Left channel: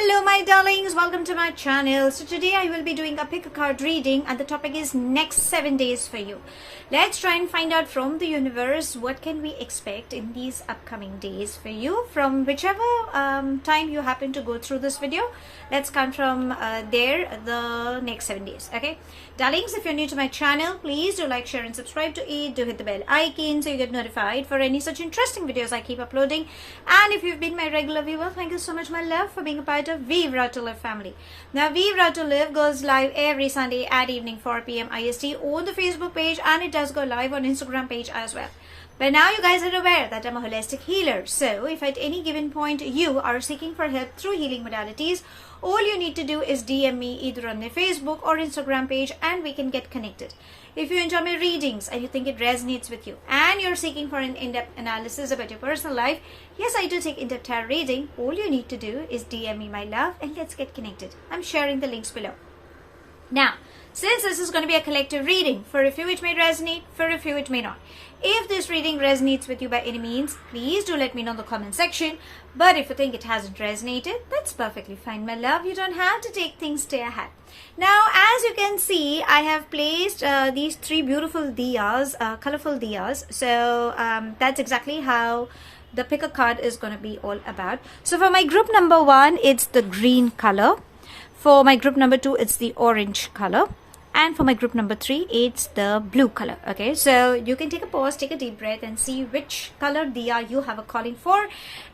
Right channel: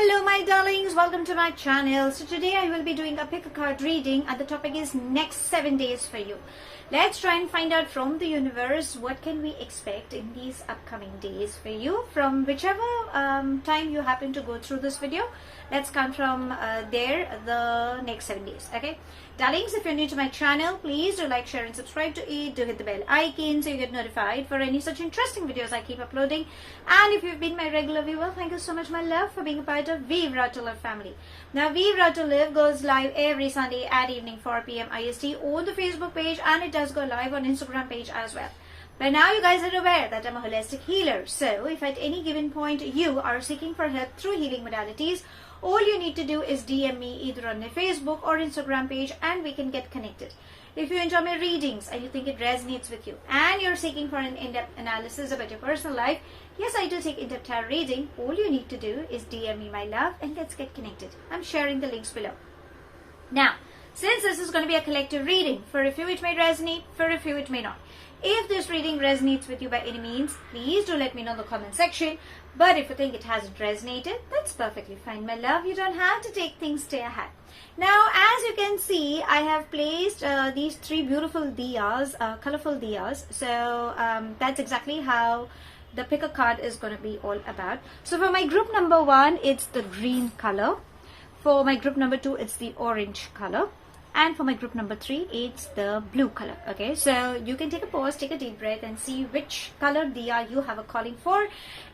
Hello my darlings, welcome to my channel. So today I will be doing a pick a card reading and the topic is next 7 days for you. Let's try and find out from the universe what can we expect in these upcoming days for you from whichever time you happen to go through this video. Let's count from there the next 7 days. Okay darlings, if you're new to my channel, please do like, share and subscribe to it. Do hit the bell icon so you get notified for any such interesting videos I keep uploading. And if you've been my regular viewer, thank you so much my love for being a part of Vivre to Live family. Now Vivre to Live goes live every Sunday at evening 4 p.m. IST on the Facebook page, and it does go live on Instagram page as well. But now you guys are aware that I'm a holistic healer. So if at any given point you are seeking for help through healing modalities, all you need to do is DM me either on the Facebook or Instagram page and we can get connected. If you enjoy my readings and you think it resonates with you and you're seeking for an in-depth analysis about your personal life, yes, I do take in-depth tarot reading. All you need to do is DM me my love and let's get connected. I'm sharing the links below. Now, since this is going to be a collective reading, for a few it may resonate, for a few it may not. If this reading resonates with you by any means, please do let me know in the comment section. But if you think it hasn't resonated, that's perfectly fine, my love. You don't have to take things to your head. Now, as you can see, I have placed these three beautiful diyas, colorful diyas. So that's exactly how the pick a card is going to be all about. So for my group number 1, it's the green color. For my group number 2, it's the orange color. And for my group number 3, it's the blue color. Okay, so you can take a pause, take a deep breath and see which color diya you have a calling for.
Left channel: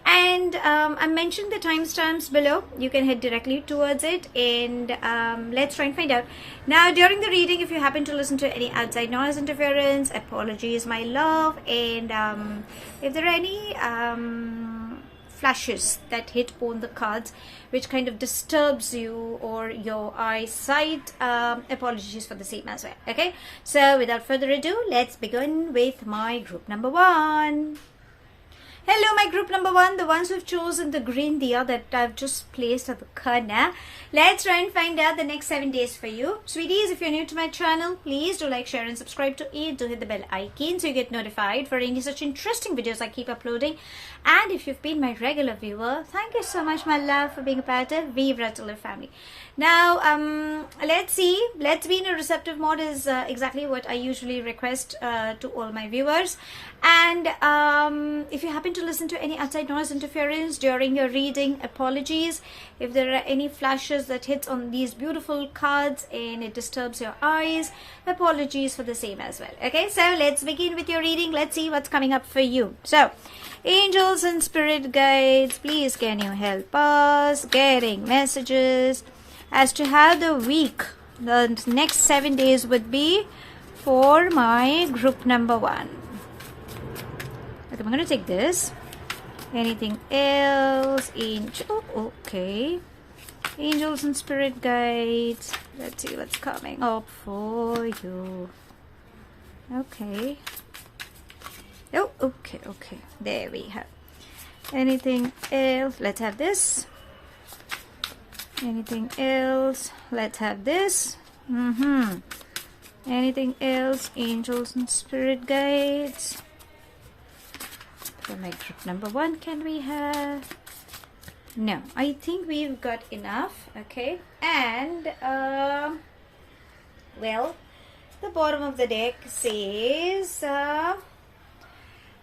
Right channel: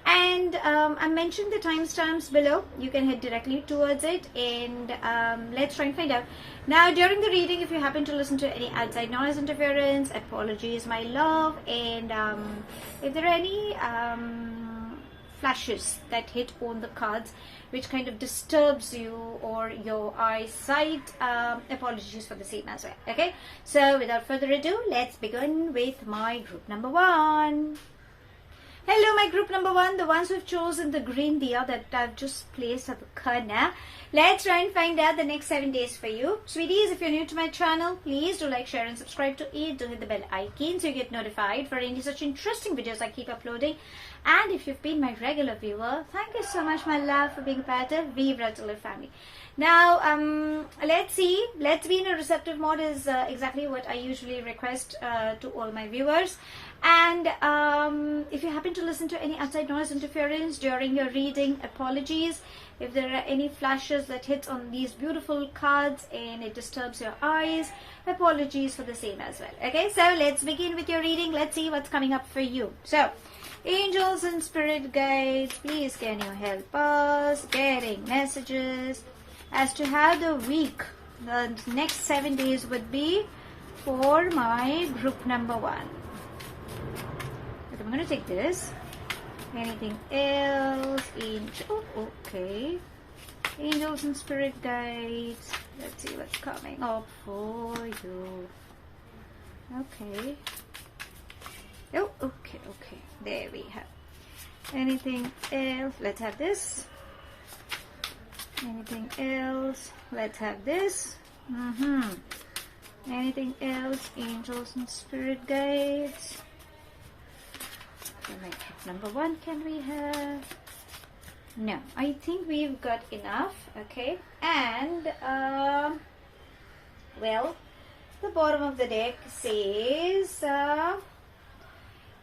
And I mentioned the timestamps below. You can head directly towards it and let's try and find out. Now, during the reading, if you happen to listen to any outside noise interference, apologies, my love. And if there are any flashes that hit on the cards which kind of disturbs you or your eyesight, apologies for the same as well. Okay, so without further ado, let's begin with my group number 1. Hello my group number 1, the ones who've chosen the green diya that I've just placed at the corner. Let's try and find out the next 7 days for you. Sweeties, if you're new to my channel, please do like, share and subscribe to it. Do hit the bell icon so you get notified for any such interesting videos I keep uploading. And if you've been my regular viewer, thank you so much my love for being a part of Vivre to Live family. Now, let's see. Let's be in a receptive mode is exactly what I usually request to all my viewers. And if you happen to listen to any outside noise interference during your reading, apologies. If there are any flashes that hit on these beautiful cards and it disturbs your eyes, apologies for the same as well. Okay, so let's begin with your reading. Let's see what's coming up for you. So, angels and spirit guides, please can you help us getting messages as to how the week, the next 7 days would be for my group number 1. Okay, I'm going to take this. Anything else? Okay. Angels and spirit guides. Let's see what's coming up for you. Okay. Oh, okay. There we have. Anything else? Let's have this. Anything else? Let's have this. Anything else? Angels and spirit guides. For my group number 1, can we have? No, I think we've got enough. Okay, and well, the bottom of the deck says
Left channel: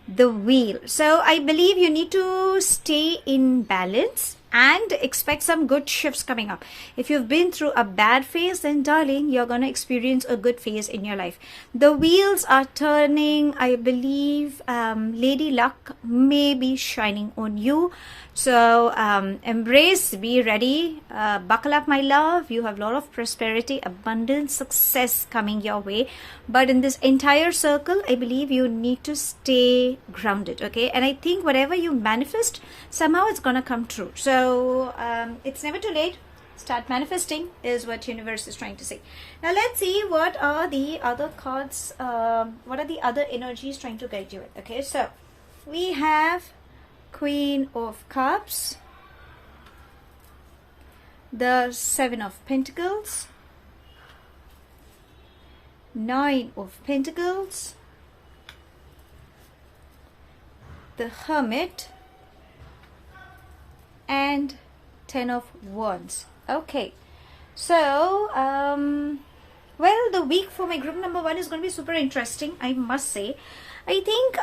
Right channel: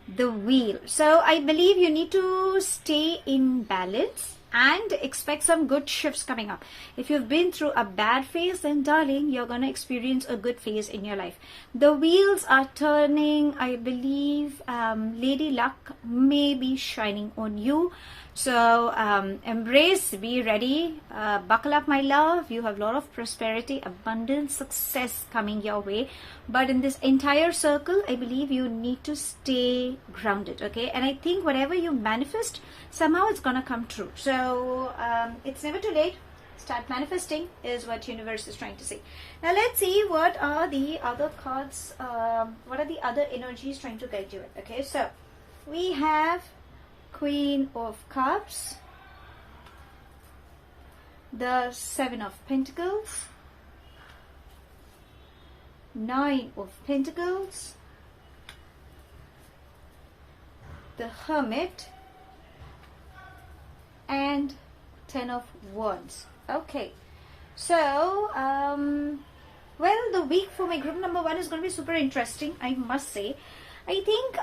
the wheel. So I believe you need to stay in balance and expect some good shifts coming up. If you've been through a bad phase, then darling, you're going to experience a good phase in your life. The wheels are turning. I believe Lady Luck may be shining on you. So embrace, be ready, buckle up my love. You have a lot of prosperity, abundance, success coming your way. But in this entire circle, I believe you need to stay grounded. Okay, and I think whatever you manifest, somehow it's gonna come true. So it's never too late. Start manifesting is what universe is trying to say. Now let's see what are the other cards, what are the other energies trying to guide you with. Okay, so we have Queen of Cups, the 7 of Pentacles, 9 of Pentacles, the Hermit, and Ten of Wands. Okay. So, well, the week for my group number 1 is going to be super interesting, I must say. I think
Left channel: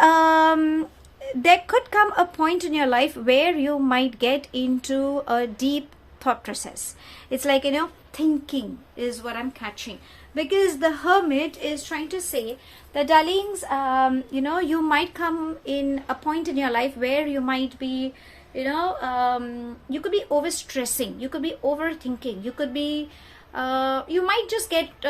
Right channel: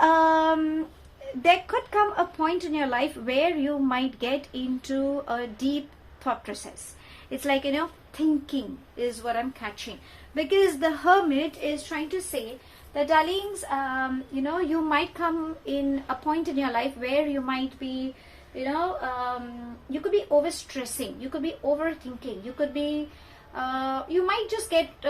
there could come a point in your life where you might get into a deep thought process. It's like, thinking is what I'm catching. Because the Hermit is trying to say that, darlings, you might come in a point in your life where you might be, you could be overstressing, you could be overthinking, you could be, you might just get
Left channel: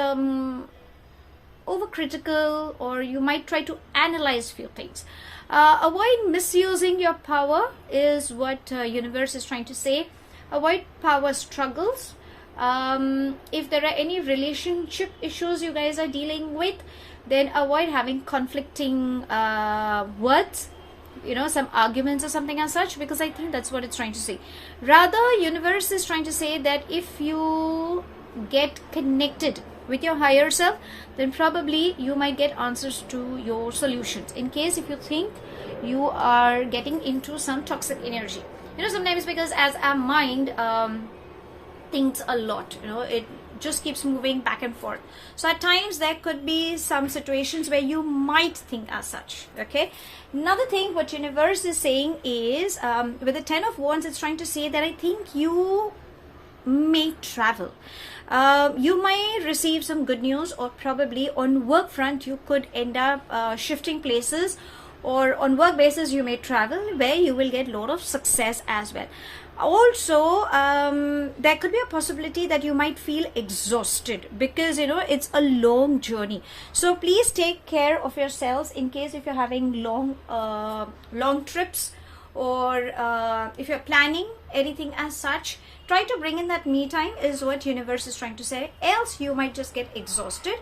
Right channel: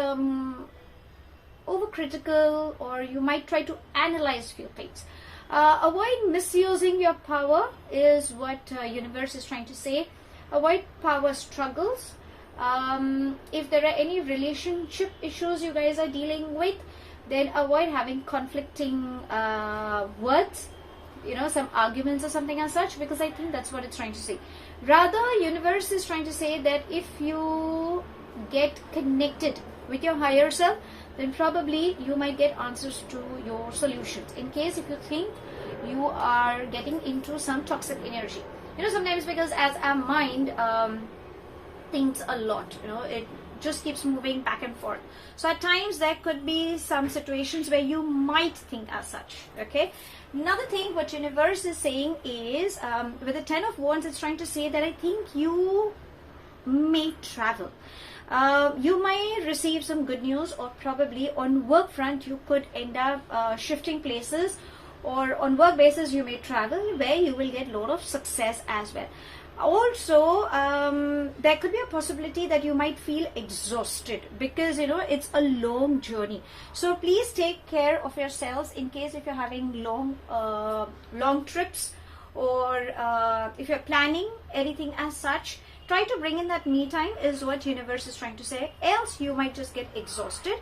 overcritical, or you might try to analyze few things. Avoid misusing your power is what universe is trying to say. Avoid power struggles. If there are any relationship issues you guys are dealing with, then avoid having conflicting words, some arguments or something as such, because I think that's what it's trying to say. Rather, universe is trying to say that if you get connected with your higher self, then probably you might get answers to your solutions. In case if you think you are getting into some toxic energy, sometimes because as our mind thinks a lot, it just keeps moving back and forth. So at times there could be some situations where you might think as such. Okay. Another thing what universe is saying is, with the Ten of Wands, it's trying to say that I think you may travel. You may receive some good news, or probably on work front you could end up shifting places, or on work basis you may travel where you will get a lot of success as well. Also, there could be a possibility that you might feel exhausted because it's a long journey. So please take care of yourselves in case if you're having long trips, or if you're planning anything as such. Try to bring in that me time is what universe is trying to say. Else you might just get exhausted,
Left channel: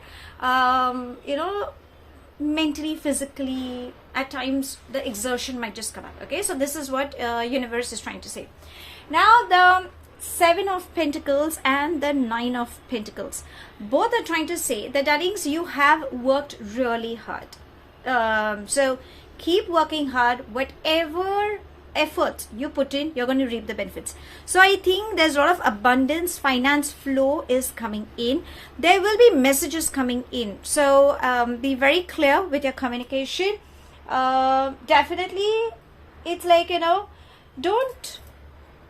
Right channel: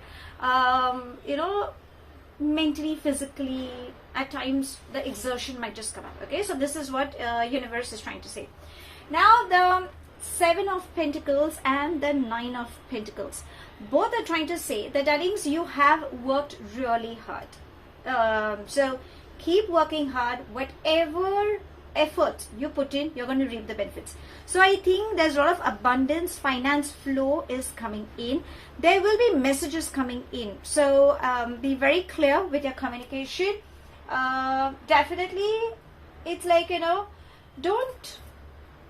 mentally, physically. At times the exertion might just come up. Okay, so this is what universe is trying to say. Now the Seven of Pentacles and the Nine of Pentacles, both are trying to say that, darlings, you have worked really hard. So keep working hard. Whatever effort you put in, you're going to reap the benefits. So I think there's a lot of abundance, finance flow is coming in. There will be messages coming in. So be very clear with your communication. Definitely, it's like, don't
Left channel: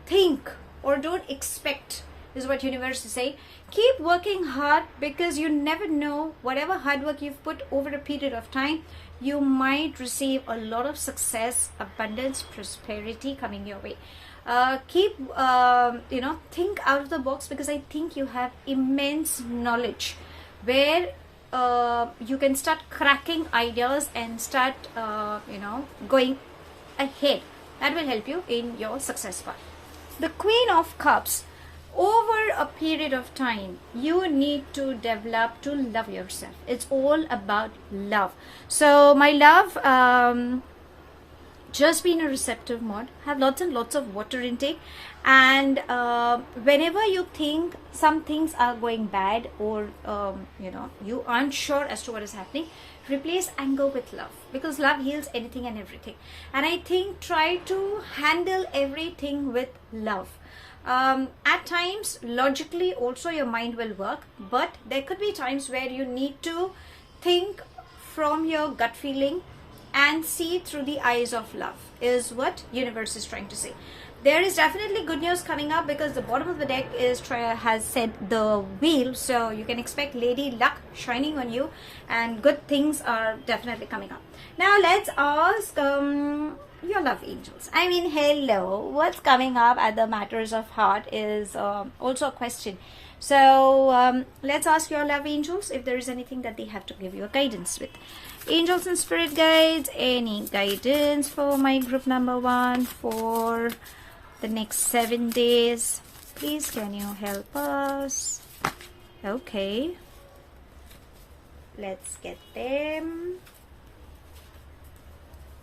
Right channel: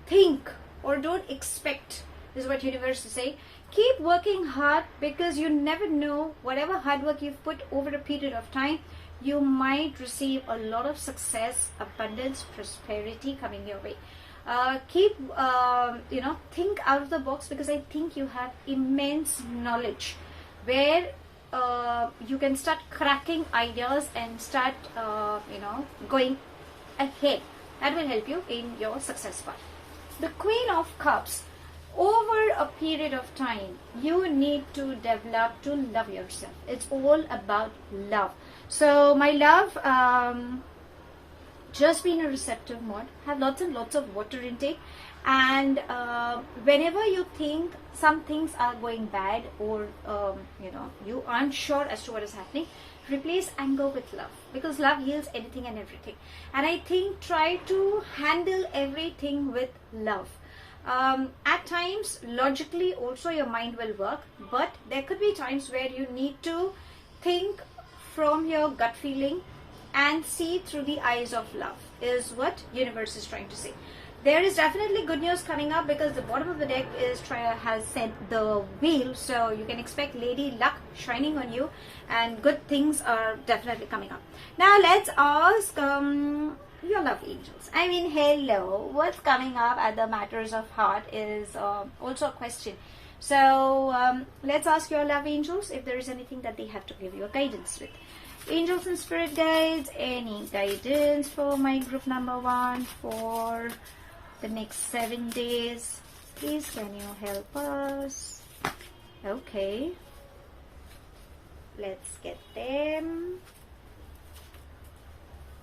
think or don't expect is what universe is saying. Keep working hard, because you never know, whatever hard work you've put over a period of time, you might receive a lot of success, abundance, prosperity coming your way. Keep, think out of the box, because I think you have immense knowledge where you can start cracking ideas and start, going ahead. That will help you in your success path. The Queen of Cups. Over a period of time, you need to develop to love yourself. It's all about love. So my love, just be in a receptive mode. Have lots and lots of water intake. And whenever you think some things are going bad, or you aren't sure as to what is happening, replace anger with love, because love heals anything and everything. And I think try to handle everything with love. At times, logically also your mind will work, but there could be times where you need to think from your gut feeling and see through the eyes of love, is what universe is trying to say. There is definitely good news coming up, because the bottom of the deck has said the wheel, so you can expect lady luck shining on you, and good things are definitely coming up. Now let's ask your love angels. I mean, hello, what's coming up at the matters of heart is also a question. So let's ask your love angels if there is anything that they have to give you a guidance with. Angels and spirit guides, any guidance for my group number 1 for the next 7 days? Please, can you help us? Okay, let's get them.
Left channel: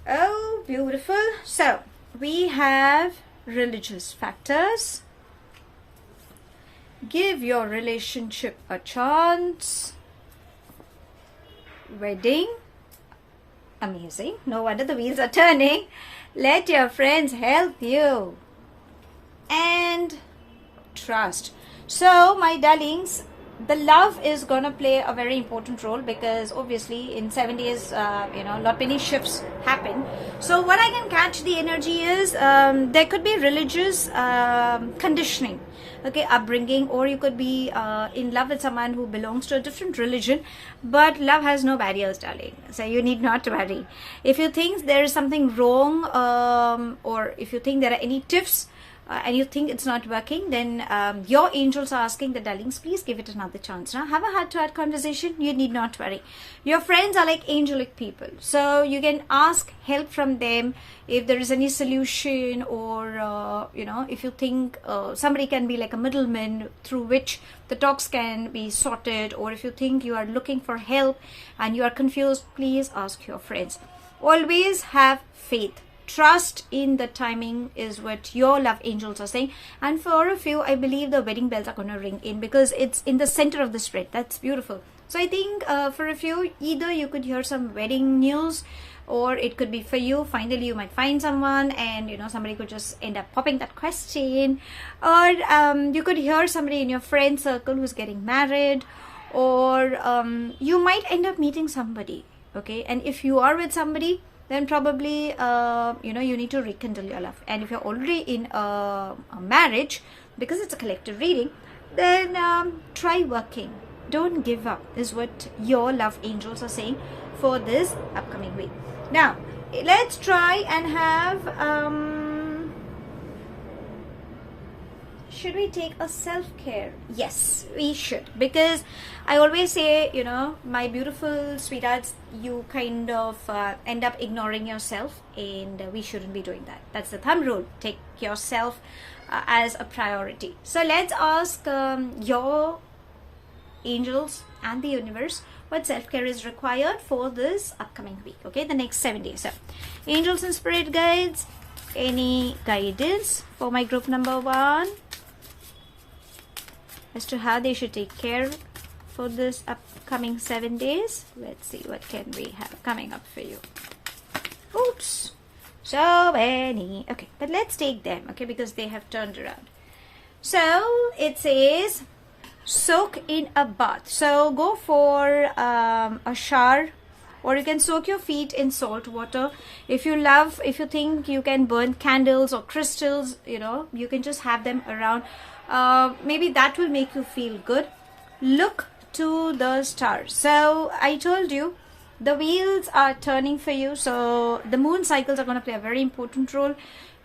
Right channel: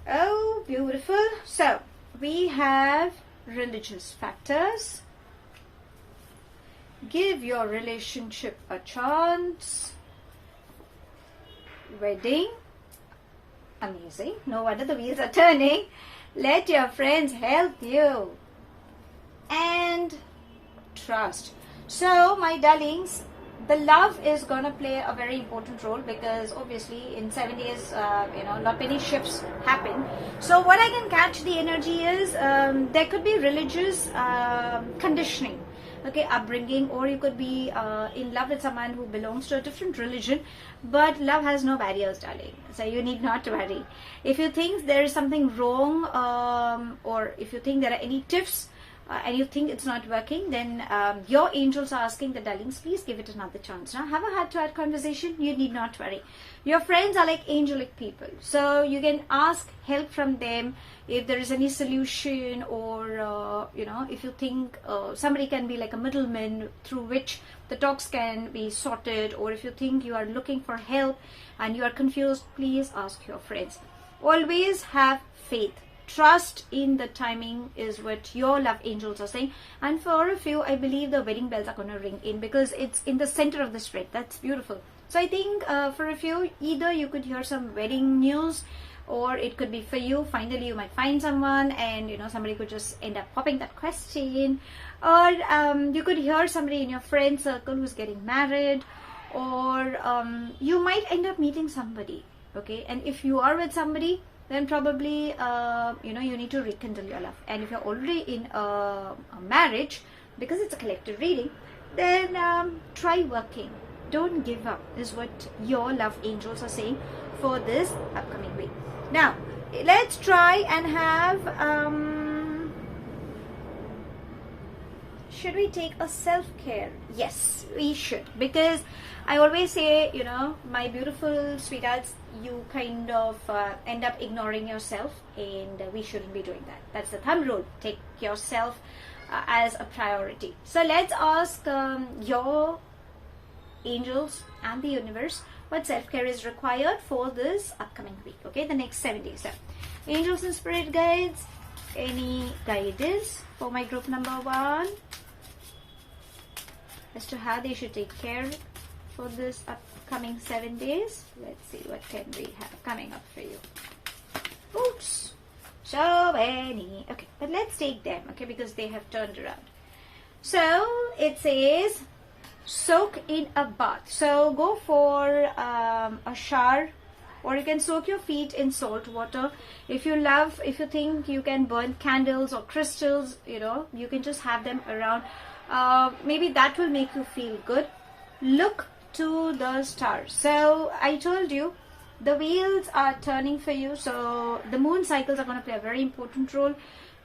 Oh, beautiful. So we have religious factors. Give your relationship a chance. Wedding. Amazing. No wonder the wheels are turning. Let your friends help you. And trust. So my darlings, the love is gonna play a very important role, because obviously in 7 days, not many shifts happen. So what I can catch the energy is there could be religious conditioning, okay, upbringing, or you could be in love with someone who belongs to a different religion. But love has no barriers, darling, so you need not worry. If you think there is something wrong, or if you think there are any tiffs, and you think it's not working, then your angels are asking the darlings, please give it another chance. Now have a heart-to-heart conversation. You need not worry. Your friends are like angelic people, so you can ask help from them if there is any solution, or if you think somebody can be like a middleman through which the talks can be sorted, or if you think you are looking for help and you are confused, please ask your friends. Always have faith. Trust in the timing is what your love angels are saying. And for a few, I believe the wedding bells are going to ring in, because it's in the center of the spread. That's beautiful. So I think for a few, either you could hear some wedding news, or it could be for you, finally you might find someone, and somebody could just end up popping that question, or you could hear somebody in your friend circle who's getting married, or you might end up meeting somebody, okay? And if you are with somebody, then probably you need to rekindle your love. And if you're already in a marriage, because it's a collective reading, then try working. Don't give up is what your love angels are saying for this upcoming week. Now let's try and have should we take a self-care? Yes, we should, because I always say, my beautiful sweethearts, you kind of end up ignoring yourself, and we shouldn't be doing that. That's the thumb rule. Take yourself as a priority. So let's ask your angels and the universe what self-care is required for this upcoming week, okay, the next 7 days. So angels and spirit guides, any guidance for my group number 1 as to how they should take care for this upcoming 7 days? Let's see what can we have coming up for you. Oops, so many. Okay, but let's take them, okay, because they have turned around. So it says soak in a bath. So go for a shower, or you can soak your feet in salt water. If you think you can burn candles or crystals, you can just have them around. Maybe that will make you feel good. Look to the stars. So I told you the wheels are turning for you, so the moon cycles are going to play a very important role.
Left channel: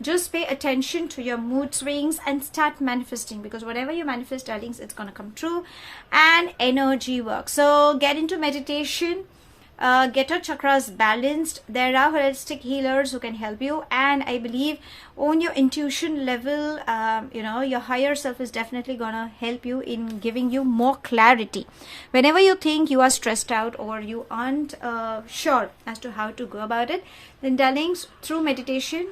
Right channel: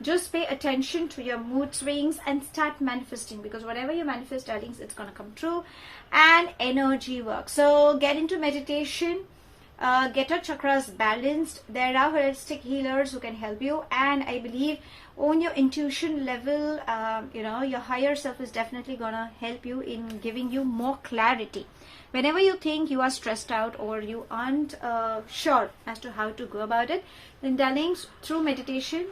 Just pay attention to your mood swings and start manifesting, because whatever you manifest, darlings, it's going to come true. And energy work. So get into meditation. Get your chakras balanced. There are holistic healers who can help you, and I believe on your intuition level, your higher self is definitely gonna help you in giving you more clarity. Whenever you think you are stressed out, or you aren't sure as to how to go about it, then darlings, through meditation,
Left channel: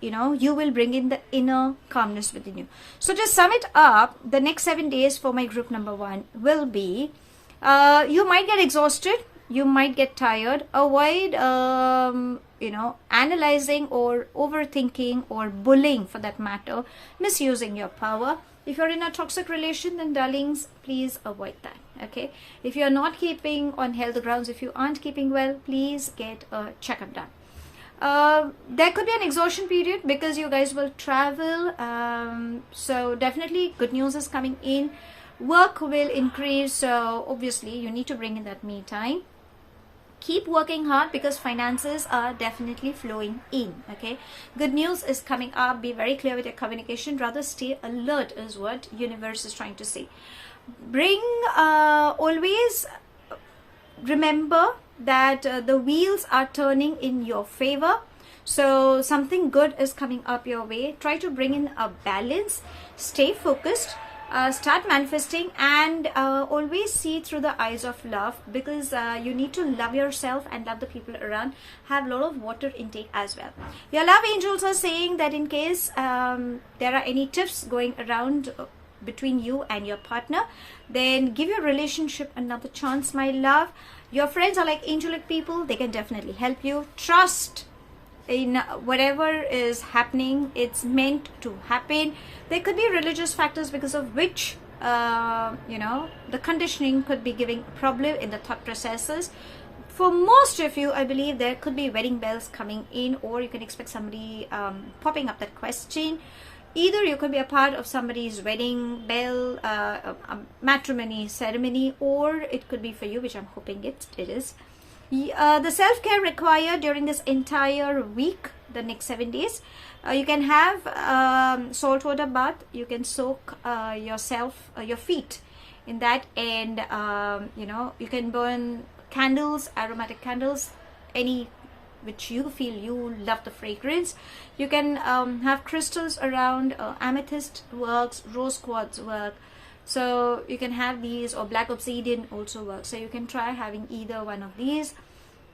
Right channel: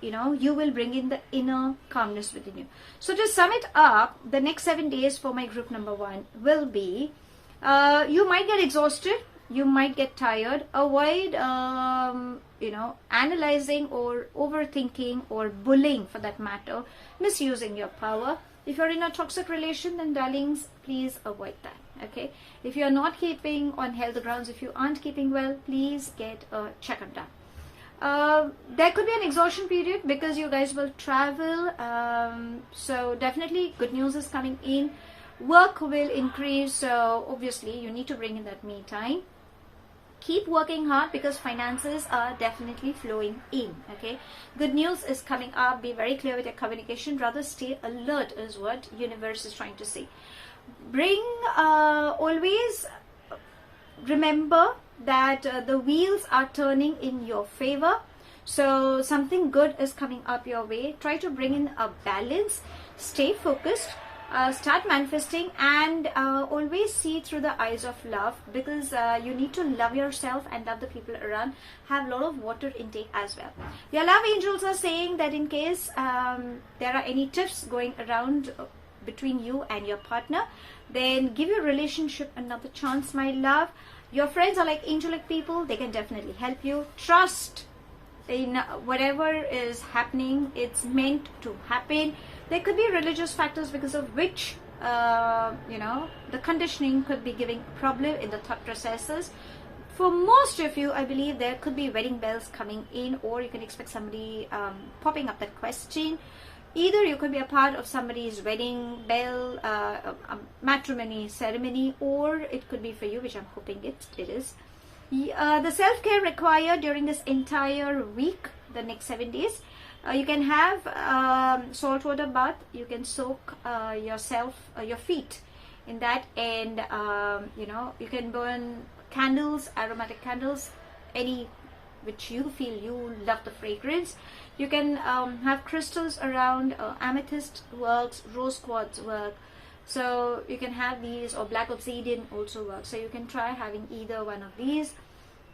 you will bring in the inner calmness within you. So to sum it up, the next 7 days for my group number 1 will be, you might get exhausted, you might get tired. Avoid analyzing or overthinking, or bullying for that matter, misusing your power. If you're in a toxic relation, then darlings, please avoid that, okay? If you're not keeping on health grounds, if you aren't keeping well, please get a checkup done. There could be an exhaustion period because you guys will travel, so definitely good news is coming in. Work will increase, so obviously you need to bring in that me time. Keep working hard, because finances are definitely flowing in, okay? Good news is coming up. Be very clear with your communication. Rather stay alert is what universe is trying to say. Always remember that the wheels are turning in your favor. So something good is coming up your way. Try to bring in a balance. Stay focused. Start manifesting, and always see through the eyes of love, because you need to love yourself and love the people around. Have a lot of water intake as well. Your love angels are saying that in case there are any tiffs going around between you and your partner, then give your relationship another chance, my love. Your friends are like angelic people. They can definitely help you. Trust in whatever is happening. It's meant to happen. There could be religious factors because of which the conditioning could be giving problem in the thought processes. For most of you, I believe there could be wedding bells coming in, or you can expect somebody popping up that question. Either you could be a part of somebody's wedding bell, a matrimony ceremony, or it could be for you, which I'm hoping it is. The self-care required during this entire week, the next 7 days. You can have salt water bath. You can soak your feet in that, and you can burn candles, aromatic candles, any which you feel you love the fragrance. You can have crystals around. Amethyst works, rose quartz work, so you can have these, or black obsidian also works. So you can try having either one of these.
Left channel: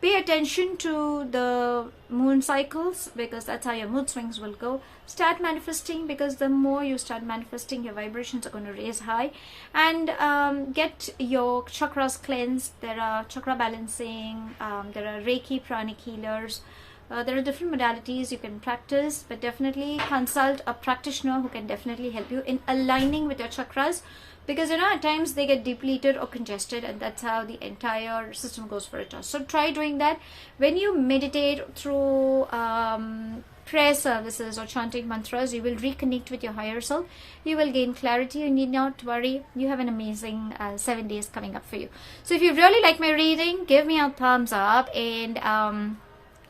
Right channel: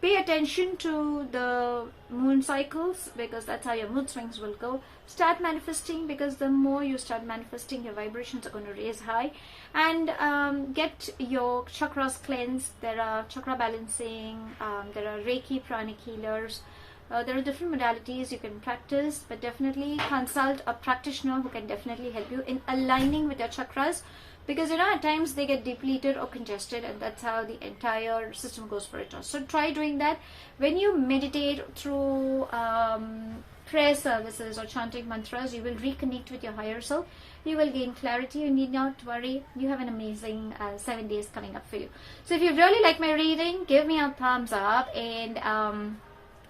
Pay attention to the moon cycles, because that's how your mood swings will go. Start manifesting, because the more you start manifesting, your vibrations are going to raise high. And get your chakras cleansed. There are chakra balancing, there are Reiki, Pranic healers. There are different modalities you can practice, but definitely consult a practitioner who can definitely help you in aligning with your chakras. Because at times they get depleted or congested, and that's how the entire system goes for a toss. So try doing that. When you meditate through prayer services or chanting mantras, you will reconnect with your higher self. You will gain clarity. You need not worry. You have an amazing 7 days coming up for you. So if you really like my reading, give me a thumbs up, and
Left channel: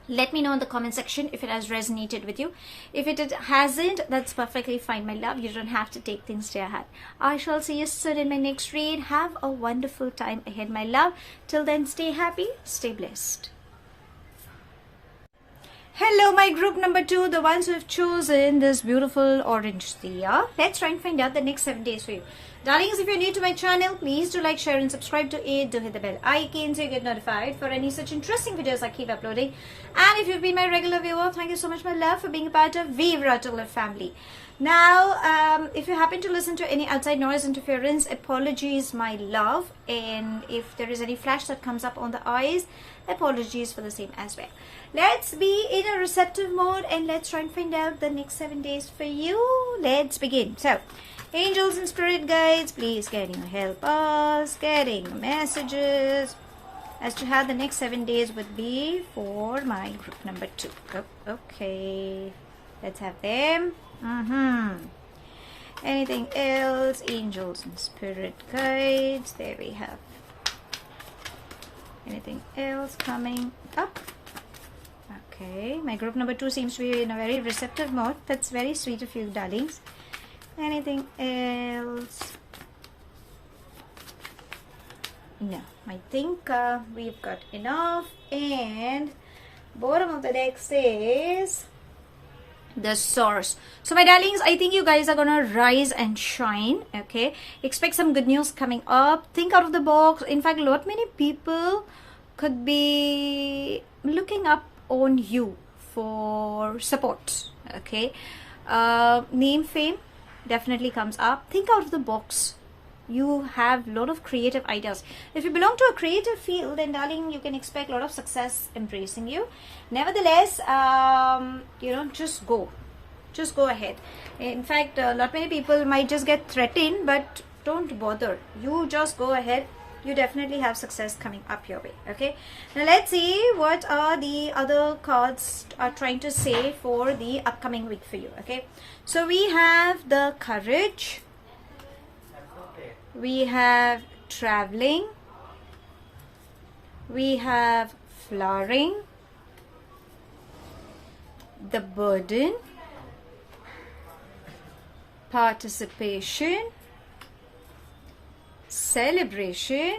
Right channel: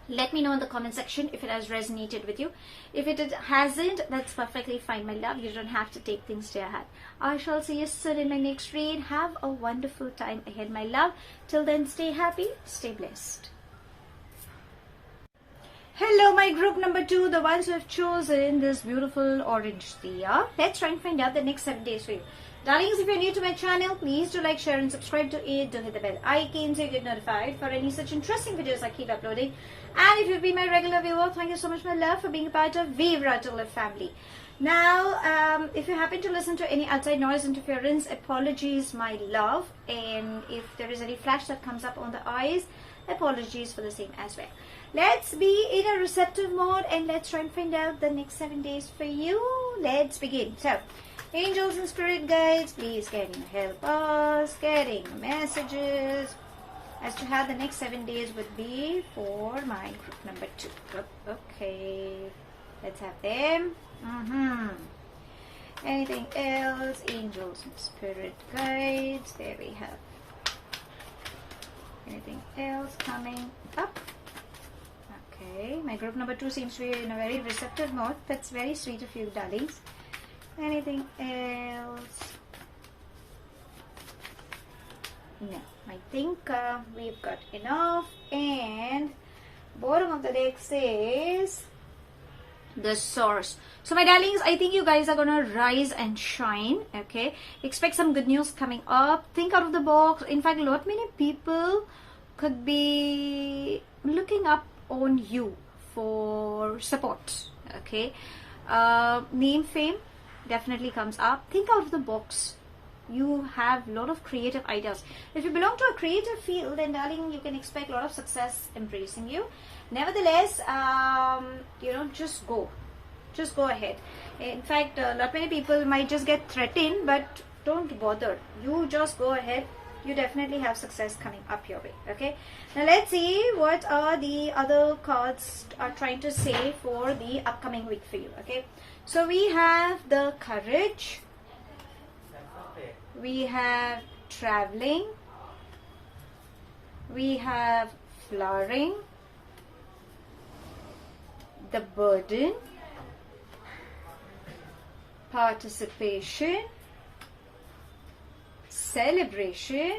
let me know in the comment section if it has resonated with you. If it hasn't, that's perfectly fine, my love. You don't have to take things to your heart. I shall see you soon in my next read. Have a wonderful time ahead, my love. Till then, stay happy, stay blessed. Hello, my group number 2, the ones who have chosen this beautiful orange Diya. Let's try and find out the next 7 days for you. Darlings, if you're new to my channel, please do like, share and subscribe to it. Do hit the bell icon so you get notified for any such interesting videos I keep uploading. And if you've been my regular viewer, thank you so much, my love, for being a part of Vivre family. Now, if you happen to listen to any outside noise interference, apologies, my love. And if there is any flash that comes up on the eyes, apologies for the same as well. Let's be in a receptive mode, and let's try and find out the next 7 days for you. Let's begin. So, angels and spirit guides, please getting help us, getting messages as to how the next 7 days would be for my group number 2. Okay, let's have them. Anything else? Angels and spirit guides. There we have. Anything else coming up? Okay, my group number 2 seems to be in a very receptive mode. That's very sweet of you, darlings. Anything else? No, I think we've got enough. And bottom of the deck says the source. So my darlings, I think you guys are gonna rise and shine. Okay, expect some good news coming up. Think out of the box. In fact, a lot many people could be looking up on you for support. Okay, name, fame definitely comes up. Think out of the box. You have a lot of creative ideas. If you belong to a creative field, then darling, you can expect a lot of success embracing you. Nevertheless, just go ahead. In fact, a lot many people might just get threatened, but don't bother. You just go ahead. You definitely have success coming up your way. Okay, now let's see what are the other cards are trying to say for the upcoming week for you. Okay, so we have the courage, we have traveling, we have flowering, the burden, participation, celebration,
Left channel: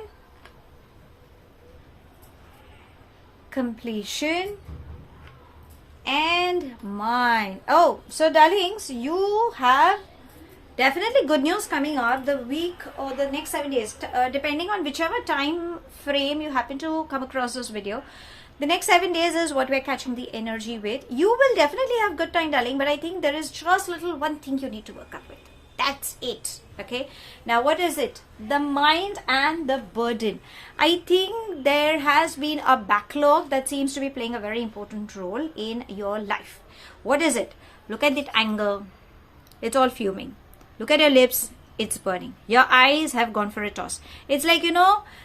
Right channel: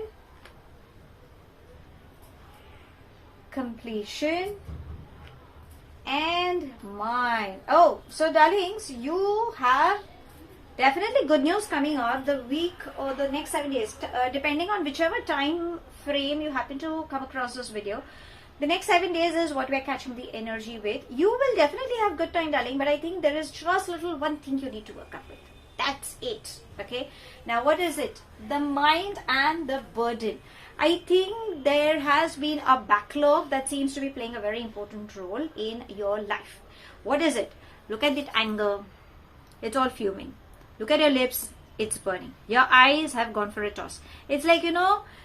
completion, and mind. Oh, so darlings, you have definitely good news coming up the week or the next 7 days, depending on whichever time frame you happen to come across this video. The next 7 days is what we're catching the energy with. You will definitely have good time, darling, but I think there is just little one thing you need to work up with. That's it. Okay. Now what is it? The mind and the burden. I think there has been a backlog that seems to be playing a very important role in your life. What is it? Look at that anger. It's all fuming. Look at your lips. It's burning. Your eyes have gone for a toss. It's like,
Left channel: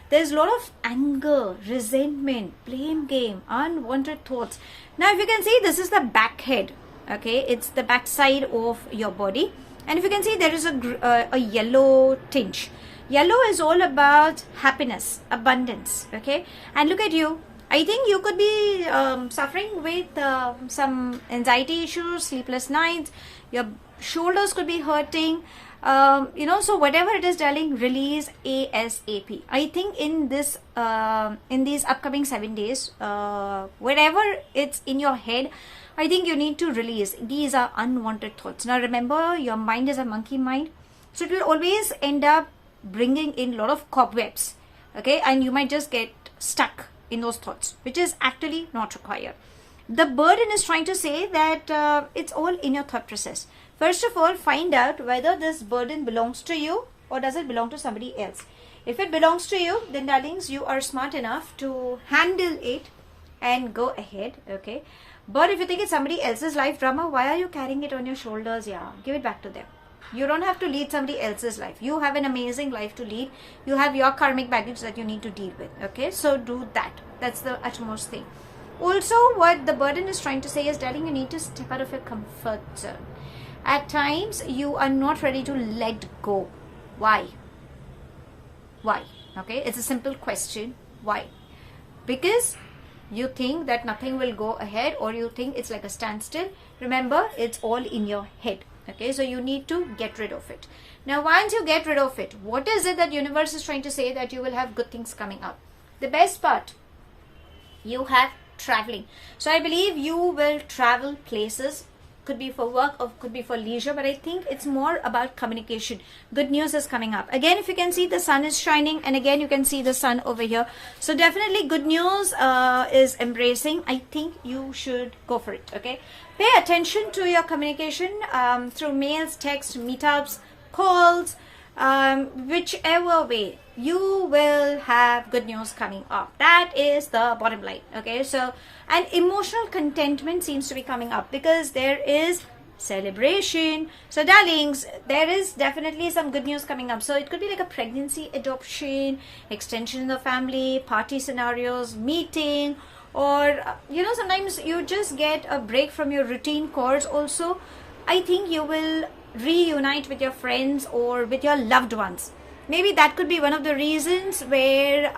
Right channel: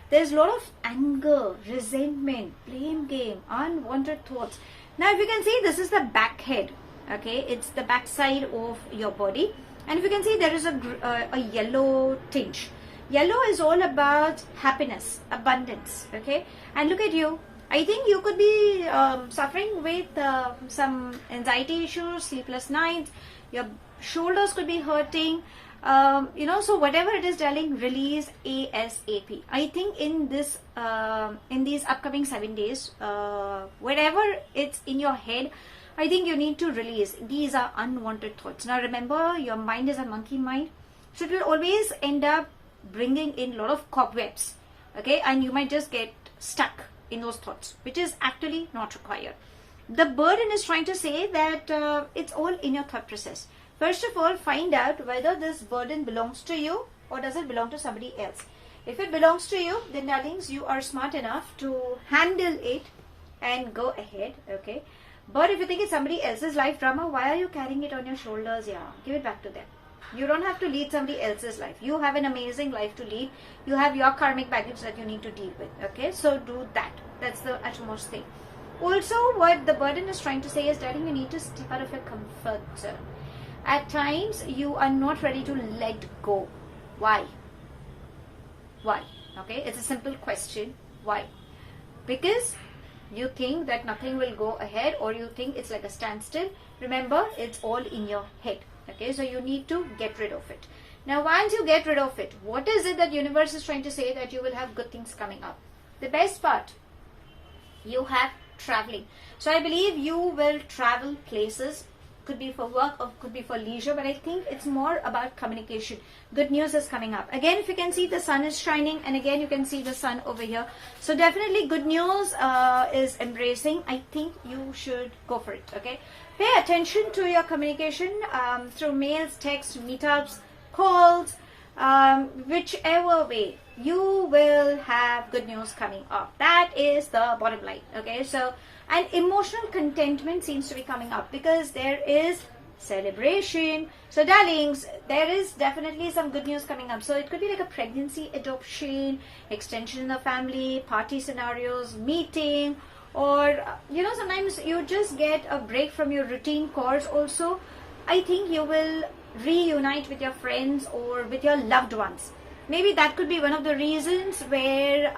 there's a lot of anger, resentment, blame game, unwanted thoughts. Now, if you can see, this is the back head. Okay, it's the back side of your body. And if you can see, there is a yellow tinge. Yellow is all about happiness, abundance. Okay, and look at you. I think you could be suffering with some anxiety issues, sleepless nights. Your shoulders could be hurting. So whatever it is, darling, release ASAP. I think in these upcoming 7 days, wherever it's in your head, I think you need to release. These are unwanted thoughts. Now remember, your mind is a monkey mind, so it will always end up bringing in a lot of cobwebs. Okay, and you might just get stuck in those thoughts, which is actually not required. The burden is trying to say that it's all in your thought process. First of all, find out whether this burden belongs to you or does it belong to somebody else. If it belongs to you, then darlings, you are smart enough to handle it and go ahead. Okay. But if you think it's somebody else's life drama, why are you carrying it on your shoulders? Yeah, give it back to them. You don't have to lead somebody else's life. You have an amazing life to lead. You have your karmic baggage that you need to deal with. Okay, so do that. That's the utmost thing. Also, what the burden is trying to say is, darling, you need to step out of your comfort zone. At times, you are not ready to let go. Why? Why? Okay, it's a simple question. Why? Because you think that nothing will go ahead, or you think it's like a standstill. Remember, it's all in your head. Okay, so you need to get rid of it. Now, once you get rid of it, what is it that universe is trying to say? That you will have good things coming up. The best part, you have traveling. So I believe you will travel places. Could be for work or could be for leisure, but I think it's more about communication. Good news is coming up. Again, if you can see, the sun is shining, and again you can see the sun over here. So definitely good news is embracing. I think you should go for it. Okay, pay attention to your communication through mails, texts, meetups, calls, whichever way. You will have good news coming up. That is the bottom line. Okay, so and emotional contentment seems to be coming up because there is celebration. So darlings, there is definitely some good news coming up. So it could be like a pregnancy, adoption, extension in the family, party scenarios, meeting, or sometimes you just get a break from your routine chores. Also, I think you will reunite with your friends or with your loved ones. Maybe that could be one of the reasons where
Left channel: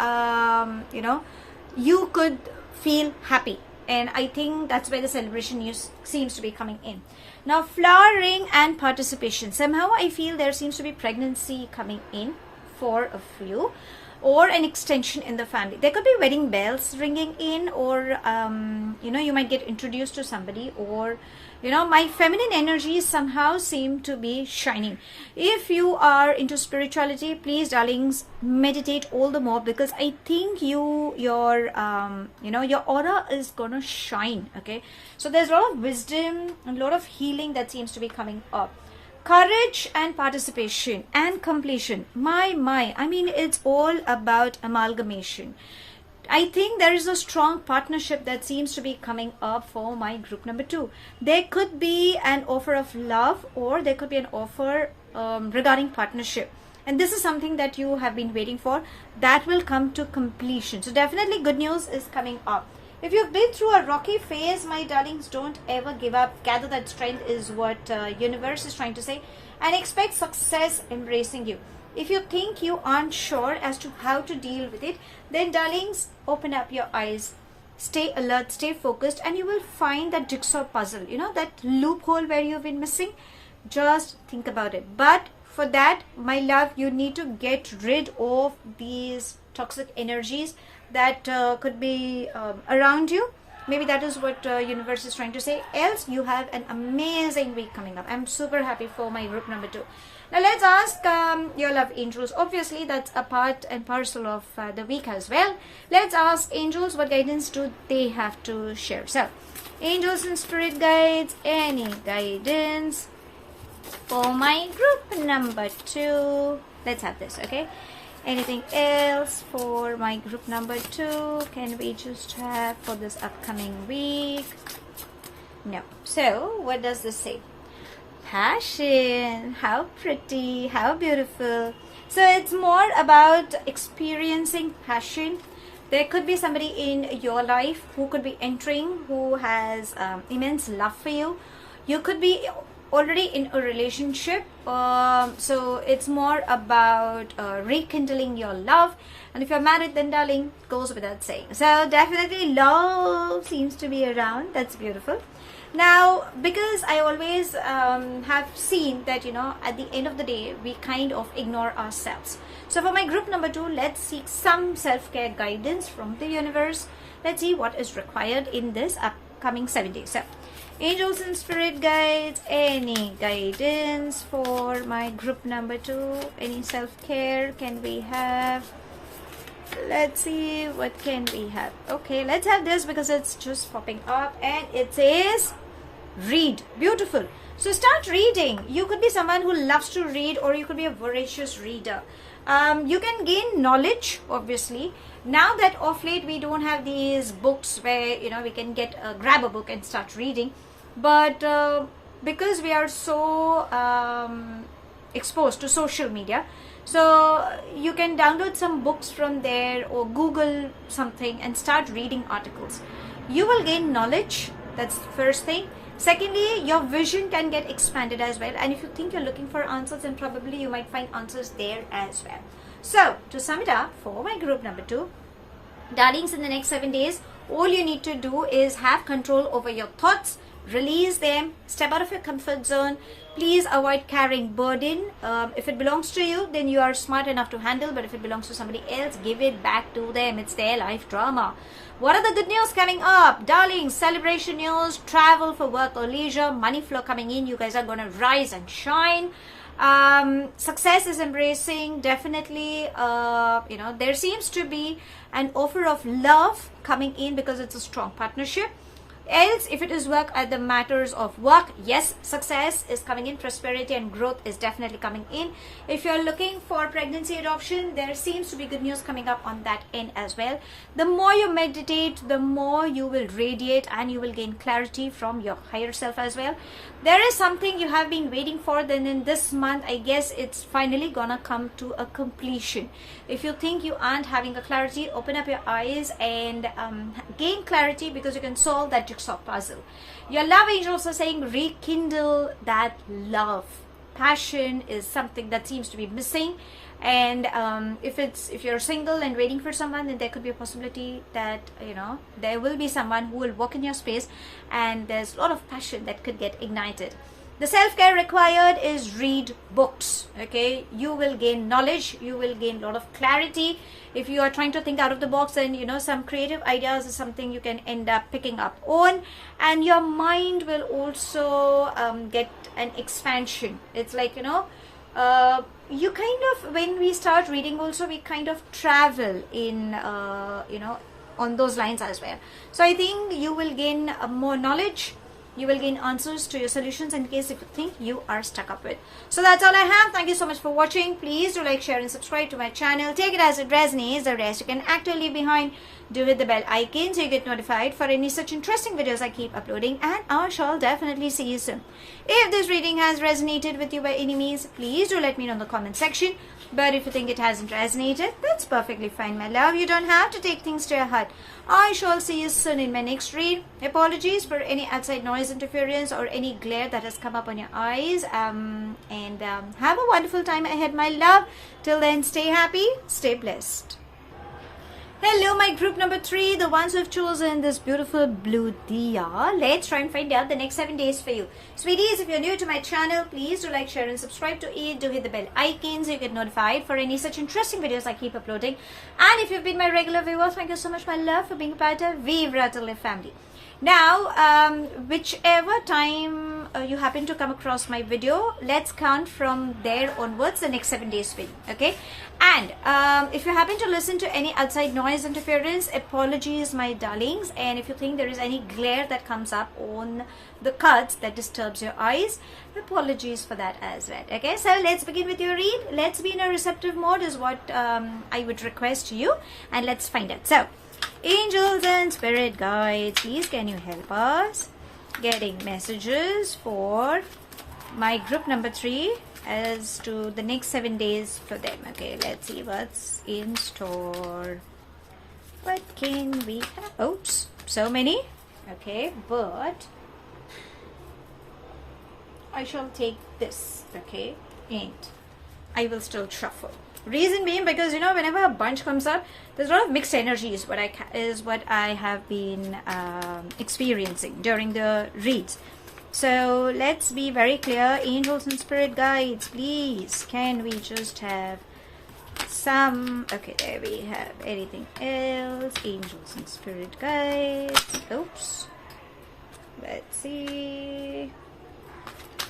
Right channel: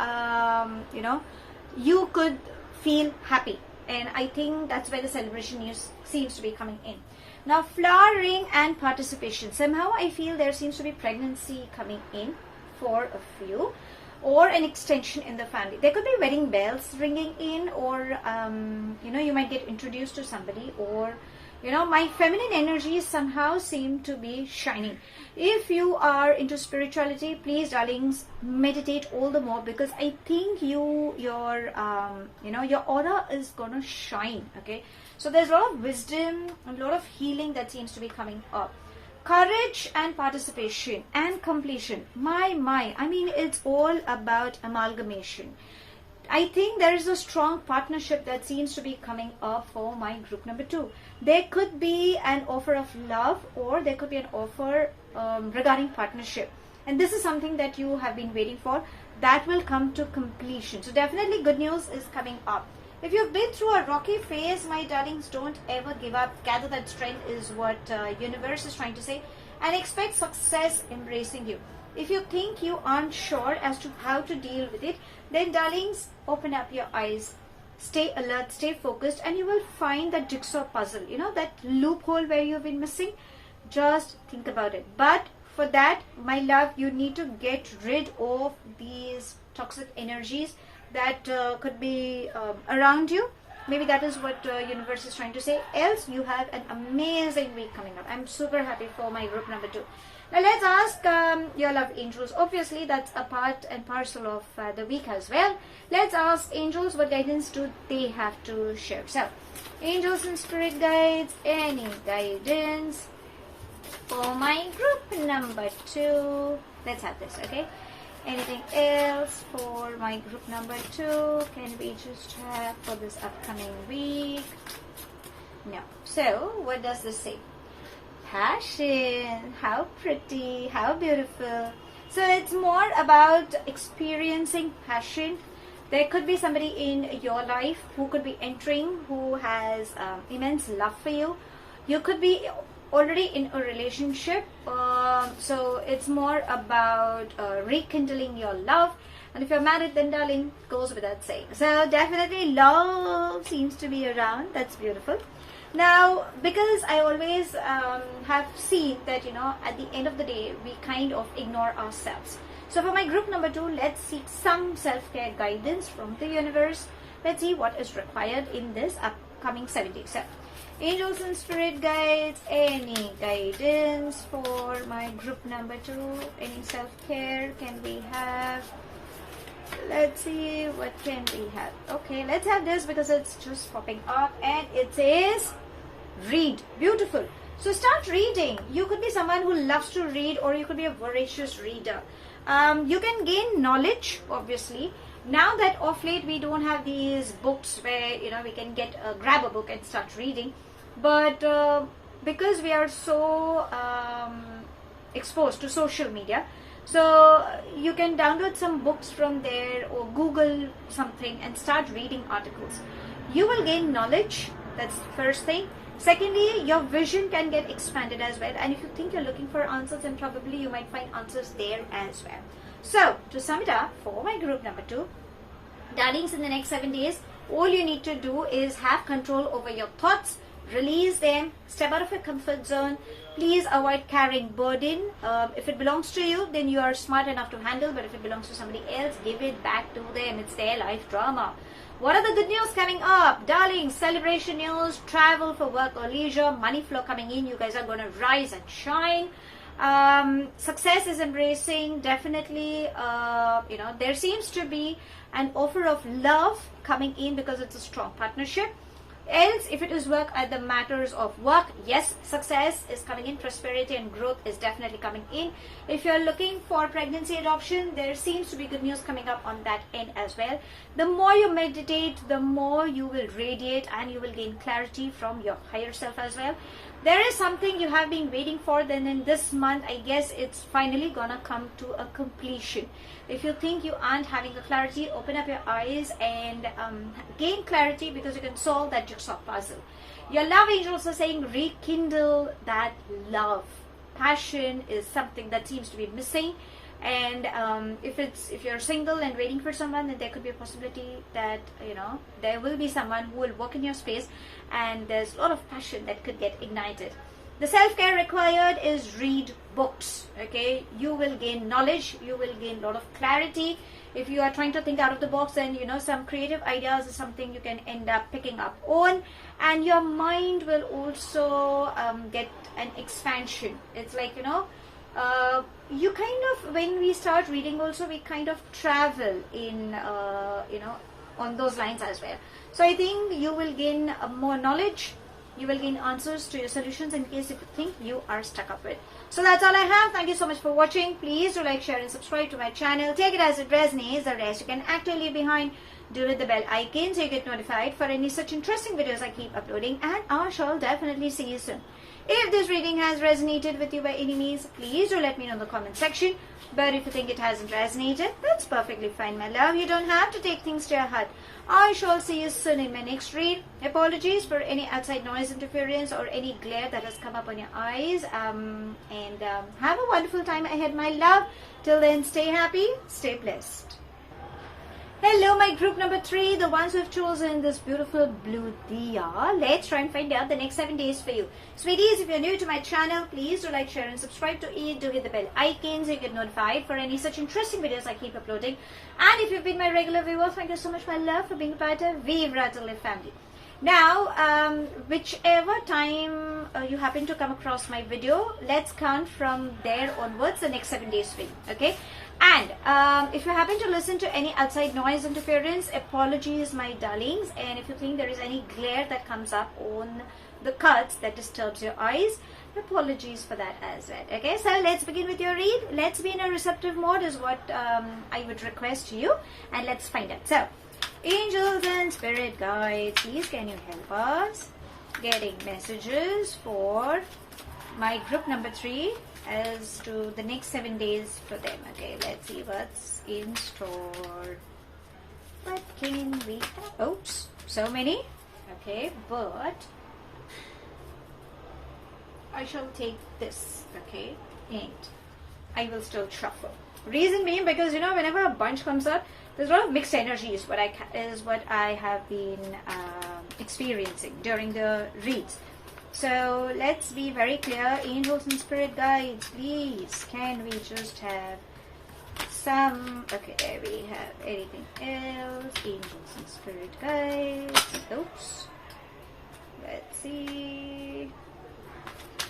you could feel happy, and I think that's where the celebration seems to be coming in. Now, flowering and participation. Somehow I feel there seems to be pregnancy coming in for a few, or an extension in the family. There could be wedding bells ringing in, or you might get introduced to somebody, or my feminine energies somehow seem to be shining. If you are into spirituality, please, darlings, meditate all the more, because I think your aura is gonna shine. Okay, so there's a lot of wisdom and a lot of healing that seems to be coming up. Courage and participation and completion. I mean, it's all about amalgamation. I think there is a strong partnership that seems to be coming up for my group number 2. There could be an offer of love, or there could be an offer regarding partnership. And this is something that you have been waiting for. That will come to completion. So definitely good news is coming up. If you've been through a rocky phase, my darlings, don't ever give up. Gather that strength is what universe is trying to say. And expect success embracing you. If you think you aren't sure as to how to deal with it, then darlings, open up your eyes, stay alert, stay focused, and you will find that jigsaw puzzle, that loophole where you've been missing. Just think about it. But for that, my love, you need to get rid of these toxic energies that could be around you. Maybe that is what universe is trying to say. Else, you have an amazing week coming up. I'm super happy for my group number 2. Now let's ask your love angels. Obviously, that's a part and parcel of the week as well. Let's ask angels, what guidance do they have to share? So, angels and spirit guides, any guidance for my group number 2. Let's have this, okay? Anything else for my group number 2? Can we just have for this upcoming week? No. So, what does this say? Passion. How pretty, how beautiful. So, it's more about experiencing passion. There could be somebody in your life who could be entering, who has immense love for you. You could be already in a relationship, so it's more about rekindling your love. And if you're married, then darling, goes without saying. So definitely love seems to be around. That's beautiful. Now, because I always have seen that, you know, at the end of the day, we kind of ignore ourselves. So for my group number 2, let's seek some self-care guidance from the universe. Let's see what is required in this upcoming 7 days. So, angels and spirit guides, any guidance for my group number 2? Any self-care can we have? Let's see, what can we have? Okay, let's have this because it's just popping up and it says read. Beautiful. So start reading. You could be someone who loves to read, or you could be a voracious reader. You can gain knowledge, obviously. Now that of late we don't have these books where, you know, we can grab a book and start reading, but because we are so exposed to social media, so you can download some books from there or Google something and start reading articles. You will gain knowledge. That's the first thing. Secondly, your vision can get expanded as well, and if you think you're looking for answers, then probably you might find answers there as well. So to sum it up, for my group number 2, darlings, in the next 7 days, all you need to do is have control over your thoughts, release them, step out of your comfort zone. Please avoid carrying burden. If it belongs to you, then you are smart enough to handle, but if it belongs to somebody else, give it back to them. It's their life drama. What are the good news coming up? Darlings, celebration news, travel for work or leisure, money flow coming in. You guys are going to rise and shine. Success is embracing. Definitely, you know, there seems to be an offer of love coming in because it's a strong partnership. Else, if it is work at the matters of work, yes, success is coming in, prosperity and growth is definitely coming in. If you're looking for pregnancy adoption, there seems to be good news coming up on that end as well. The more you meditate, the more you will radiate and you will gain clarity from your higher self as well. There is something you have been waiting for, then in this month, I guess it's finally gonna come to a completion. If you think you aren't having a clarity, open up your eyes and gain clarity, because you can solve that jigsaw puzzle. Your love angels are saying rekindle that love. Passion is something that seems to be missing, and if you're single and waiting for someone, then there could be a possibility that, you know, there will be someone who will walk in your space, and there's a lot of passion that could get ignited. The self-care required is read books. Okay, you will gain knowledge, you will gain a lot of clarity. If you are trying to think out of the box, and you know, some creative ideas is something you can end up picking up on, and your mind will also get an expansion. It's like, you know, you kind of, when we start reading also, we kind of travel in you know, on those lines as well. So I think you will gain more knowledge. You will gain answers to your solutions in case if you think you are stuck up with. So that's all I have. Thank you so much for watching. Please do like, share and subscribe to my channel. Take it as it resonates. The rest you can actively leave behind. Do hit the bell icon so you get notified for any such interesting videos I keep uploading, and I shall definitely see you soon. If this reading has resonated with you by any means, please do let me know in the comment section. But if you think it hasn't resonated, that's perfectly fine, my love. You don't have to take things to your heart. I shall see you soon in my next read. Apologies for any outside noise interference or any glare that has come up on your eyes. And have a wonderful time ahead, my love. Till then, stay happy, stay blessed. Hello, my group number 3, the ones who have chosen this beautiful blue Diya. Let's try and find out the next 7 days for you. Sweeties, if you're new to my channel, please do like, share and subscribe to it. Do hit the bell icon so you get notified for any such interesting videos I keep uploading. And if you've been my regular viewer, thank you so much, my love, for being a part of Vivre family. Now, whichever time you happen to come across my video, let's count from there onwards the next 7 days for you. Okay, and if you happen to listen to any outside noise interference, apologies my darlings. And if you think there is any glare that comes up on the cards that disturbs your eyes, apologies for that as well. Okay, so let's begin with your read. Let's be in a receptive mode is what I would request you, and let's find out. So angels and spirit guides, please can you help us getting messages for my group number 3 as to the next 7 days for them. Okay, let's see what's in store. What can we have? Oops, so many. Okay, but I shall take this. Okay, and I will still truffle. Reason being, because you know, whenever a bunch comes up, there's a lot of mixed energies. What I have been experiencing during the reads. So let's be very clear. Angels and spirit guides, please can we just have some? Okay, there we have. Anything else? Angels and spirit guides. Oops. Let's see.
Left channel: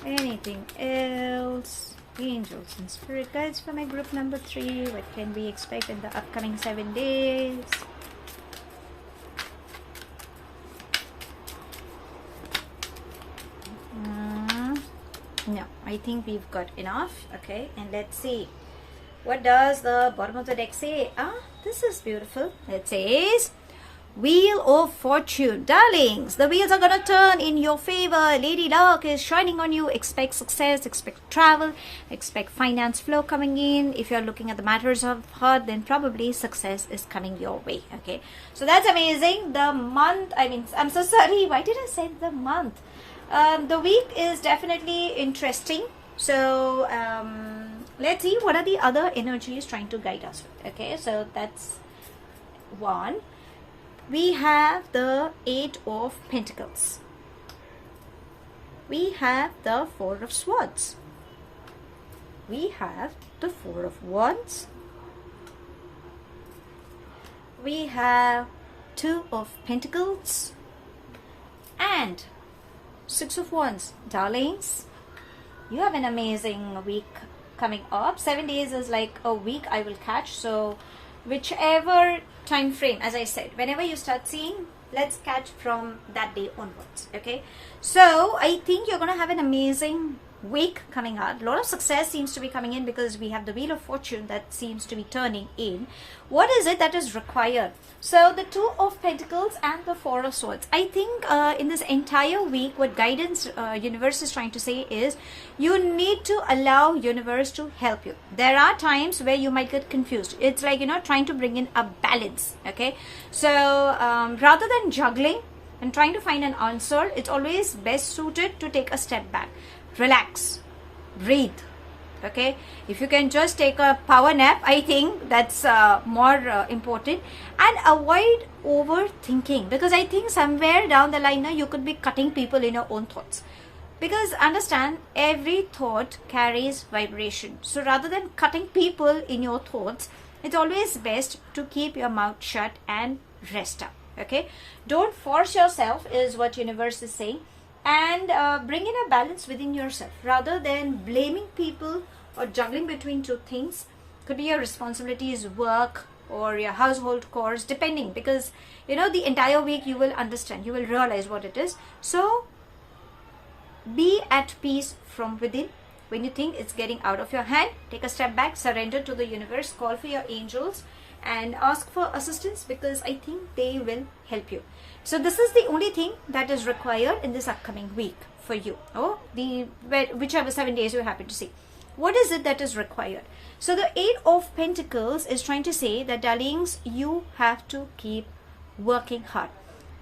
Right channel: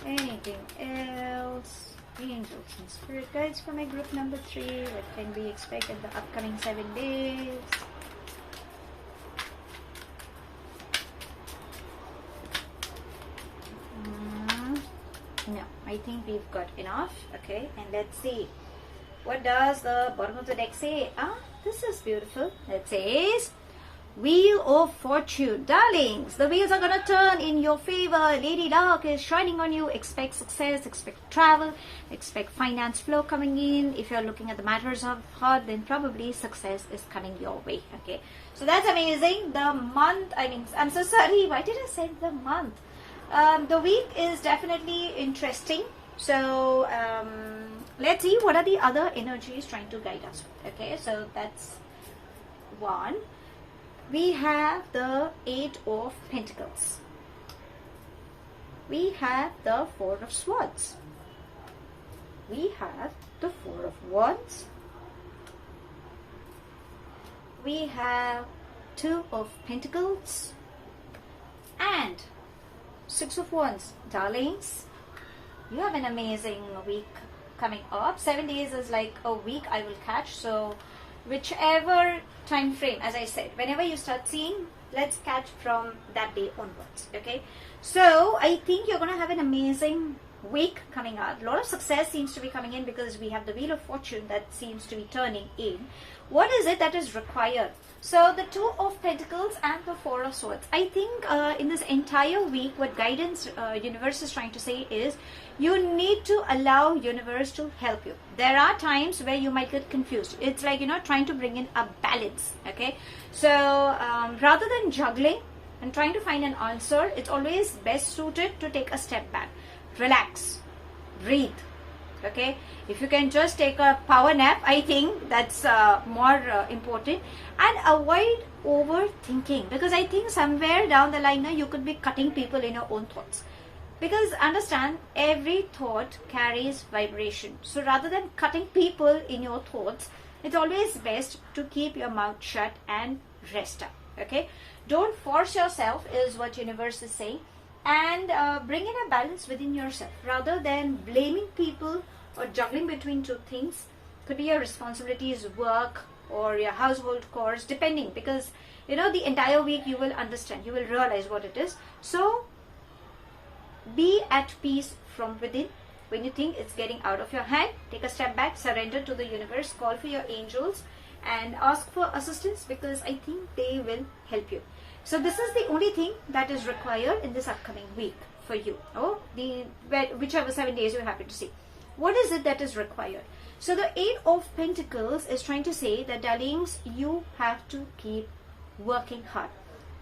Anything else? Angels and spirit guides for my group number 3. What can we expect in the upcoming 7 days? No, I think we've got enough. Okay, and let's see. What does the bottom of the deck say? This is beautiful. It says, Wheel of Fortune. Darlings, the wheels are going to turn in your favor. Lady Luck is shining on you. Expect success, expect travel, expect finance flow coming in. If you're looking at the matters of heart, then probably success is coming your way. Okay, so that's amazing. The month, I'm so sorry. Why did I say the month? The week is definitely interesting. So let's see what are the other energies trying to guide us. Okay, so that's one. We have the 8 of Pentacles. We have the 4 of Swords. We have the 4 of Wands. We have 2 of Pentacles and 6 of Wands. Darlings, you have an amazing week coming up. 7 days is like a week I will catch. So whichever time frame, as I said, whenever you start seeing, let's catch from that day onwards. Okay, so I think you're gonna have an amazing week coming up. A lot of success seems to be coming in because we have the Wheel of Fortune that seems to be turning in. What is it that is required? So the 2 of Pentacles and the 4 of Swords. I think in this entire week, what guidance universe is trying to say is you need to allow universe to help you. There are times where you might get confused. It's like, you know, trying to bring in a balance. Okay, so rather than juggling and trying to find an answer, it's always best suited to take a step back, relax, breathe. Okay, if you can just take a power nap, I think that's more important, and avoid overthinking, because I think somewhere down the line now you could be cutting people in your own thoughts, because understand, every thought carries vibration. So rather than cutting people in your thoughts, it's always best to keep your mouth shut and rest up. Okay, don't force yourself is what universe is saying, and bring in a balance within yourself rather than blaming people or juggling between two things. Could be your responsibilities, work, or your household chores, depending, because you know the entire week you will understand, you will realize what it is. So be at peace from within. When you think it's getting out of your hand, take a step back, surrender to the universe, call for your angels and ask for assistance, because I think they will help you. So this is the only thing that is required in this upcoming week for you, or whichever 7 days you happen to see. What is it that is required? So the 8 of Pentacles is trying to say that, darlings, you have to keep working hard.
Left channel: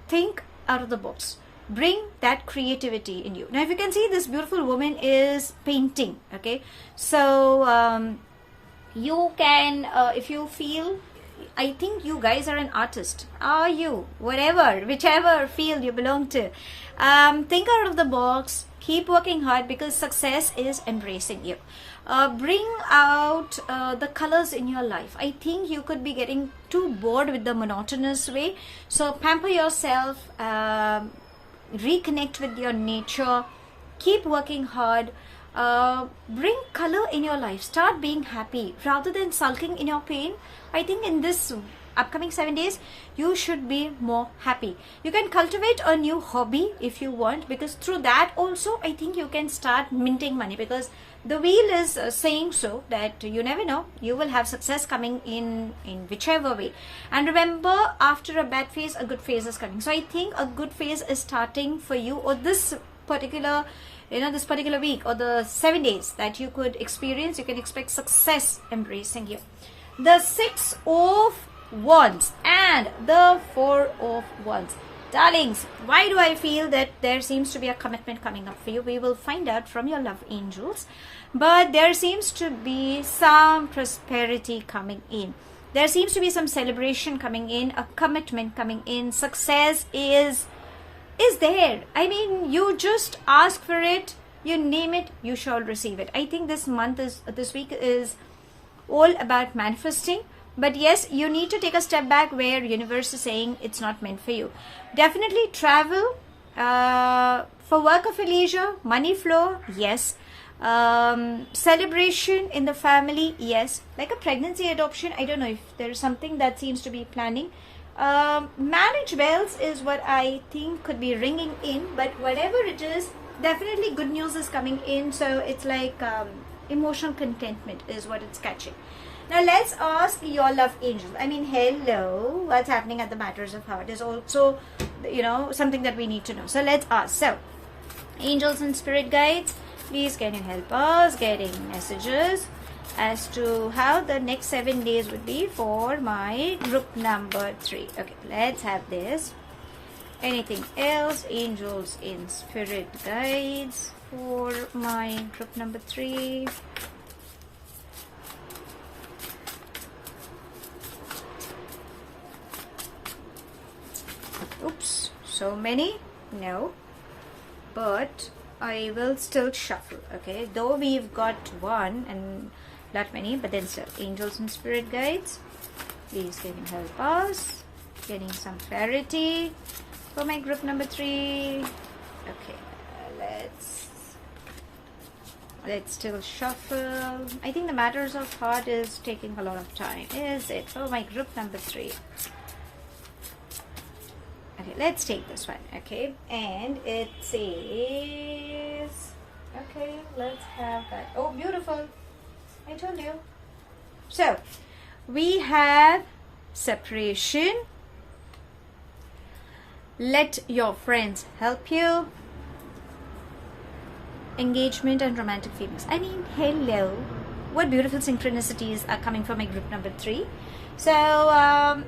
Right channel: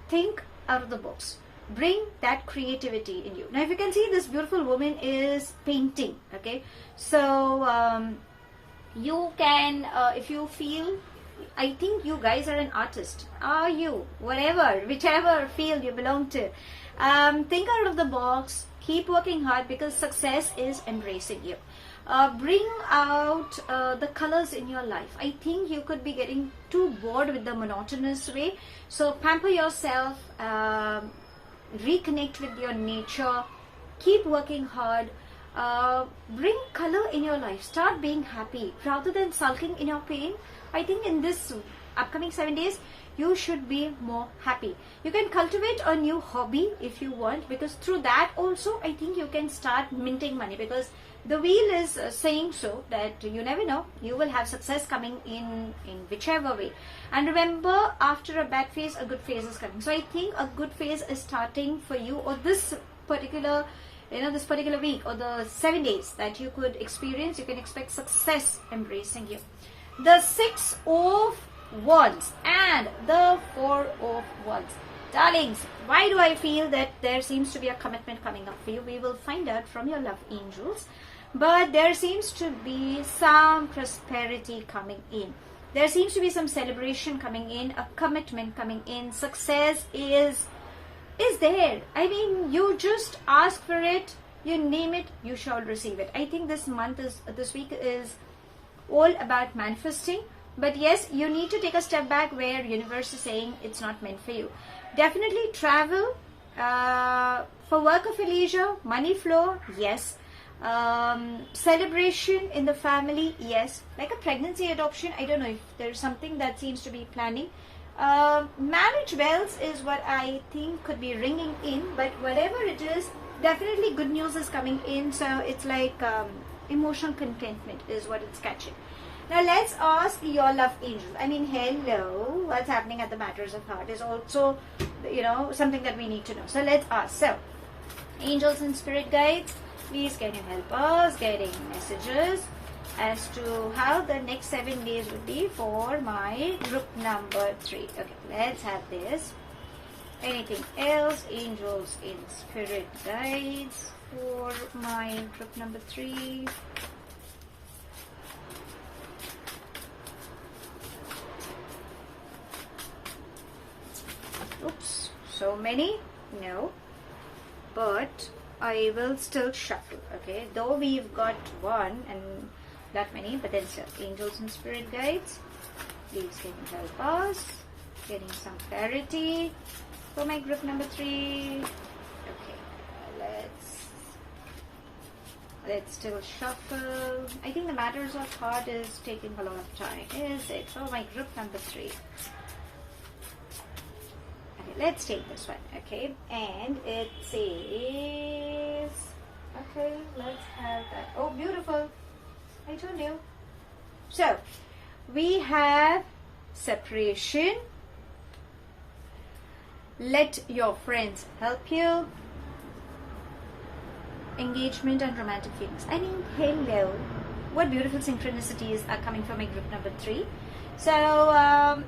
Think out of the box. Bring that creativity in you. Now, if you can see, this beautiful woman is painting. Okay, so you can, if you feel, I think you guys are an artist. Are you? Whatever, whichever field you belong to. Think out of the box. Keep working hard, because success is embracing you. Bring out the colors in your life. I think you could be getting too bored with the monotonous way. So pamper yourself. Reconnect with your nature. keep working hard, bring color in your life, start being happy rather than sulking in your pain. I think in this upcoming 7 days you should be more happy. You can cultivate a new hobby if you want, because through that also I think you can start minting money, because the wheel is saying so that you never know, you will have success coming in whichever way. And remember, after a bad phase a good phase is coming. So I think a good phase is starting for you, or this particular this particular week, or the 7 days that you could experience. You can expect success embracing you. The 6 of Wands and the 4 of Wands. Darlings, why do I feel that there seems to be a commitment coming up for you? We will find out from your love angels. But there seems to be some prosperity coming in. There seems to be some celebration coming in, a commitment coming in. Success is there. I mean, you just ask for it, you name it, you shall receive it. I think this week is all about manifesting. But yes, you need to take a step back where universe is saying it's not meant for you. Definitely travel, for work or for leisure, money flow, yes. Celebration in the family, yes. Like a pregnancy, adoption, I don't know if there's something that seems to be planning. Marriage bells is what I think could be ringing in, but whatever it is, definitely good news is coming in. So it's like emotional contentment is what it's catching. Now let's ask your love angels. I mean, hello, what's happening at the matters of heart is also, something that we need to know. So let's ask. So, angels and spirit guides, please can you help us getting messages as to how the next 7 days would be for my group number 3. Okay, let's have this. Anything else? Angels in spirit guides for my group number 3. Oops, so many? No, but I will still shuffle. Okay, though we've got one and not many, but then still, angels and spirit guides, please can you help us getting some clarity for my group number 3. Okay, let's still shuffle. I think the matters of heart is taking a lot of time. Is it for my group number 3? Let's take this one, okay, and it says, okay, let's have that. Oh, beautiful, I told you. So we have separation, let your friends help you, engagement, and romantic feelings. I mean, hello, what beautiful synchronicities are coming from my group number 3. So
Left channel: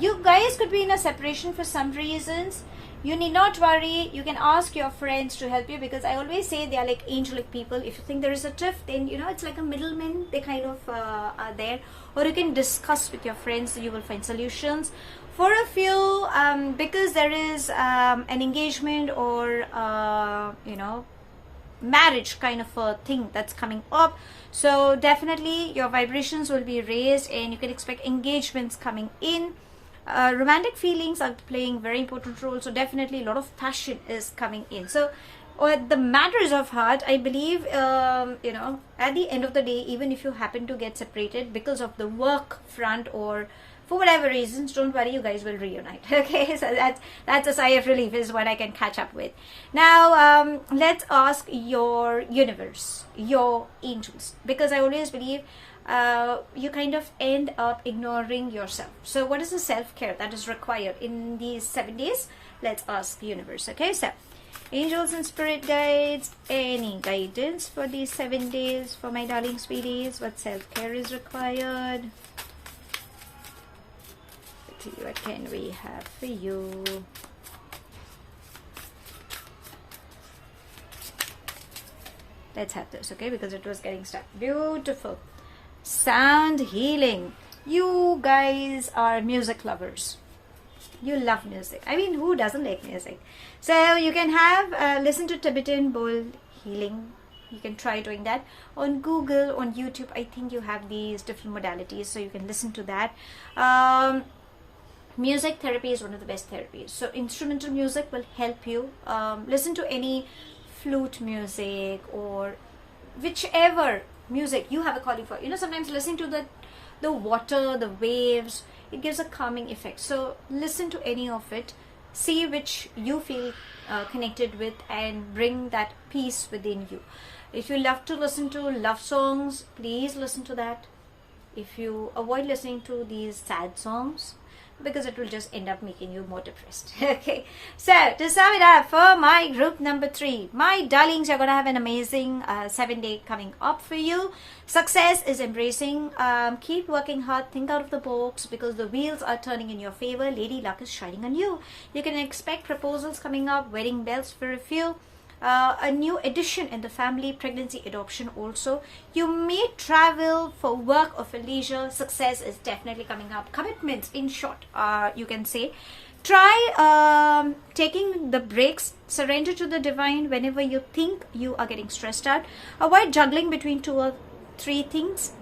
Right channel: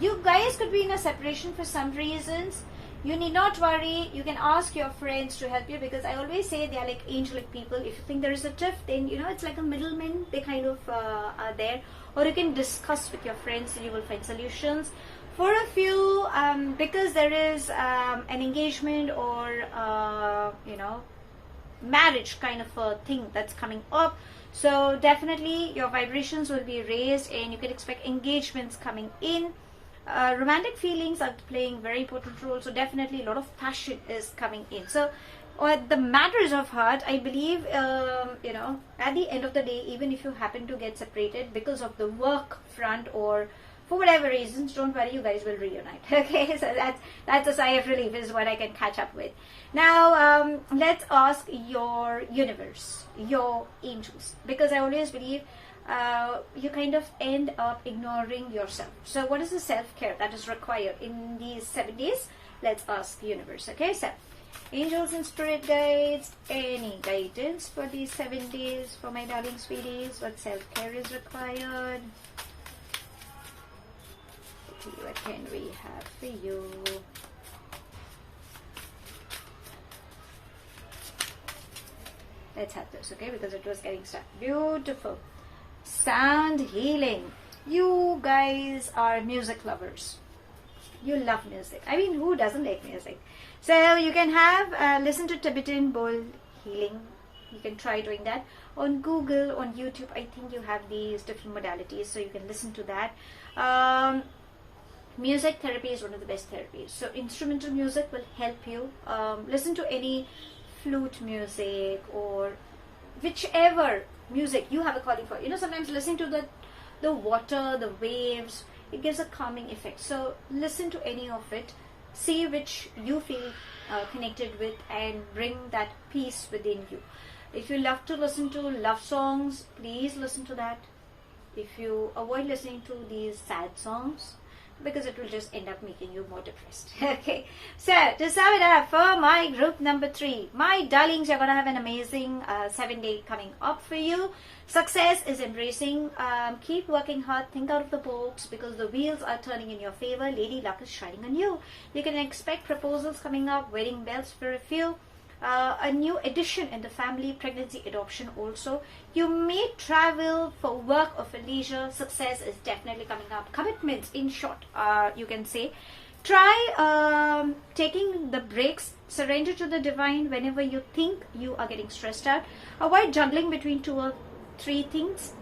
you guys could be in a separation for some reasons. You need not worry. You can ask your friends to help you, because I always say they are like angelic people. If you think there is a tiff, then it's like a middleman. They kind of are there. Or you can discuss with your friends. You will find solutions. For a few, because there is an engagement or marriage kind of a thing that's coming up. So definitely your vibrations will be raised, and you can expect engagements coming in. Romantic feelings are playing very important role, so definitely a lot of passion is coming in. So the matters of heart, I believe, at the end of the day, even if you happen to get separated because of the work front or for whatever reasons, don't worry, you guys will reunite. Okay, so that's a sigh of relief is what I can catch up with. Now let's ask your universe, your angels, because I always believe you kind of end up ignoring yourself. So what is the self-care that is required in these 7 days? Let's ask the universe. Okay, so angels and spirit guides, any guidance for these 7 days for my darling sweeties? What self-care is required? Let's see, what can we have for you? Let's have this, okay, because it was getting stuck. Beautiful. Sound healing. You guys are music lovers. You love music. I mean, who doesn't like music? So you can have listen to Tibetan bowl healing. You can try doing that on Google, on YouTube. I think you have these different modalities, so you can listen to that. Music therapy is one of the best therapies. So instrumental music will help you. Listen to any flute music or whichever music you have a calling for. Sometimes listening to the water, the waves, it gives a calming effect. So listen to any of it, see which you feel connected with, and bring that peace within you. If you love to listen to love songs, please listen to that. If you avoid listening to these sad songs, because it will just end up making you more depressed. Okay, so to sum it up for my group number 3, my darlings, you're gonna have an amazing 7-day coming up for you. Success is embracing. Keep working hard, think out of the box, because the wheels are turning in your favor. Lady luck is shining on you. You can expect proposals coming up, wedding bells for a few. A new addition in the family, pregnancy, adoption also. You may travel for work or for leisure. Success is definitely coming up. Commitments, in short, you can say. Try taking the breaks. Surrender to the divine whenever you think you are getting stressed out. Avoid juggling between 2 or 3 things.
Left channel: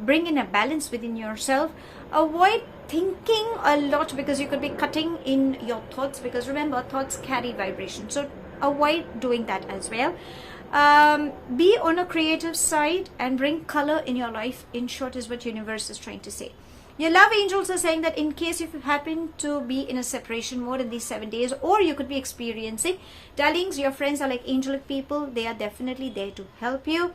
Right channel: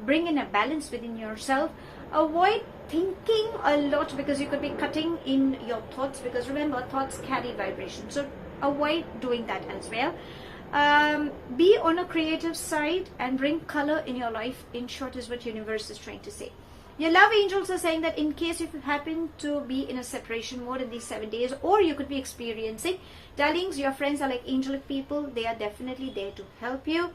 Bring in a balance within yourself. Avoid thinking a lot, because you could be cutting in your thoughts, because remember, thoughts carry vibration. So avoid doing that as well. Be on a creative side and bring color in your life, in short, is what universe is trying to say. Your love angels are saying that in case you happen to be in a separation mode in these 7 days, or you could be experiencing, darlings, your friends are like angelic people. They are definitely there to help you.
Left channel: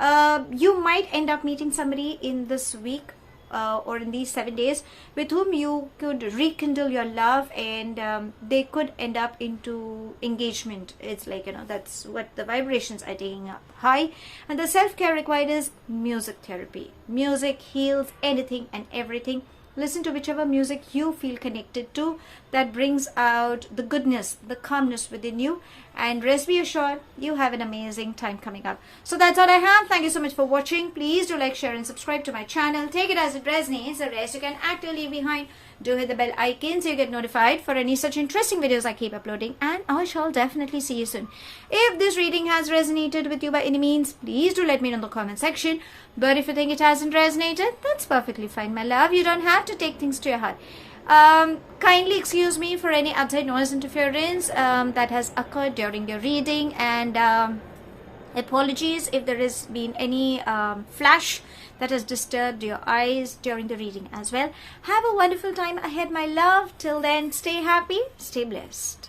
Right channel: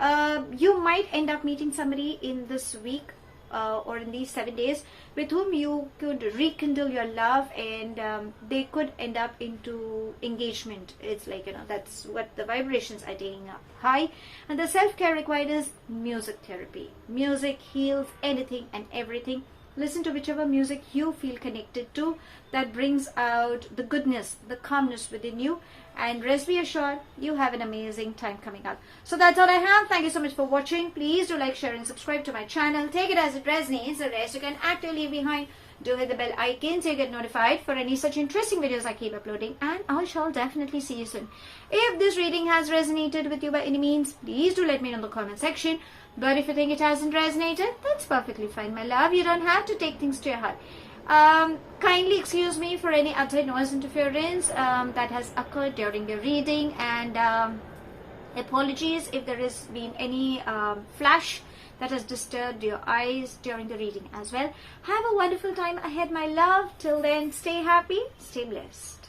You might end up meeting somebody in this week or in these 7 days with whom you could rekindle your love, and they could end up into engagement. It's like, that's what the vibrations are taking up high. And the self-care required is music therapy. Music heals anything and everything. Listen to whichever music you feel connected to, that brings out the goodness, the calmness within you. And rest be assured, you have an amazing time coming up. So that's all I have. Thank you so much for watching. Please do like, share and subscribe to my channel. Take it as it resonates. The rest you can actively leave behind. Do hit the bell icon so you get notified for any such interesting videos I keep uploading. And I shall definitely see you soon. If this reading has resonated with you by any means, please do let me know in the comment section. But if you think it hasn't resonated, that's perfectly fine, my love. You don't have to take things to your heart. Kindly excuse me for any outside noise interference that has occurred during your reading, and apologies if there has been any flash that has disturbed your eyes during the reading as well. Have a wonderful time ahead, my love. Till then, stay happy, stay blessed.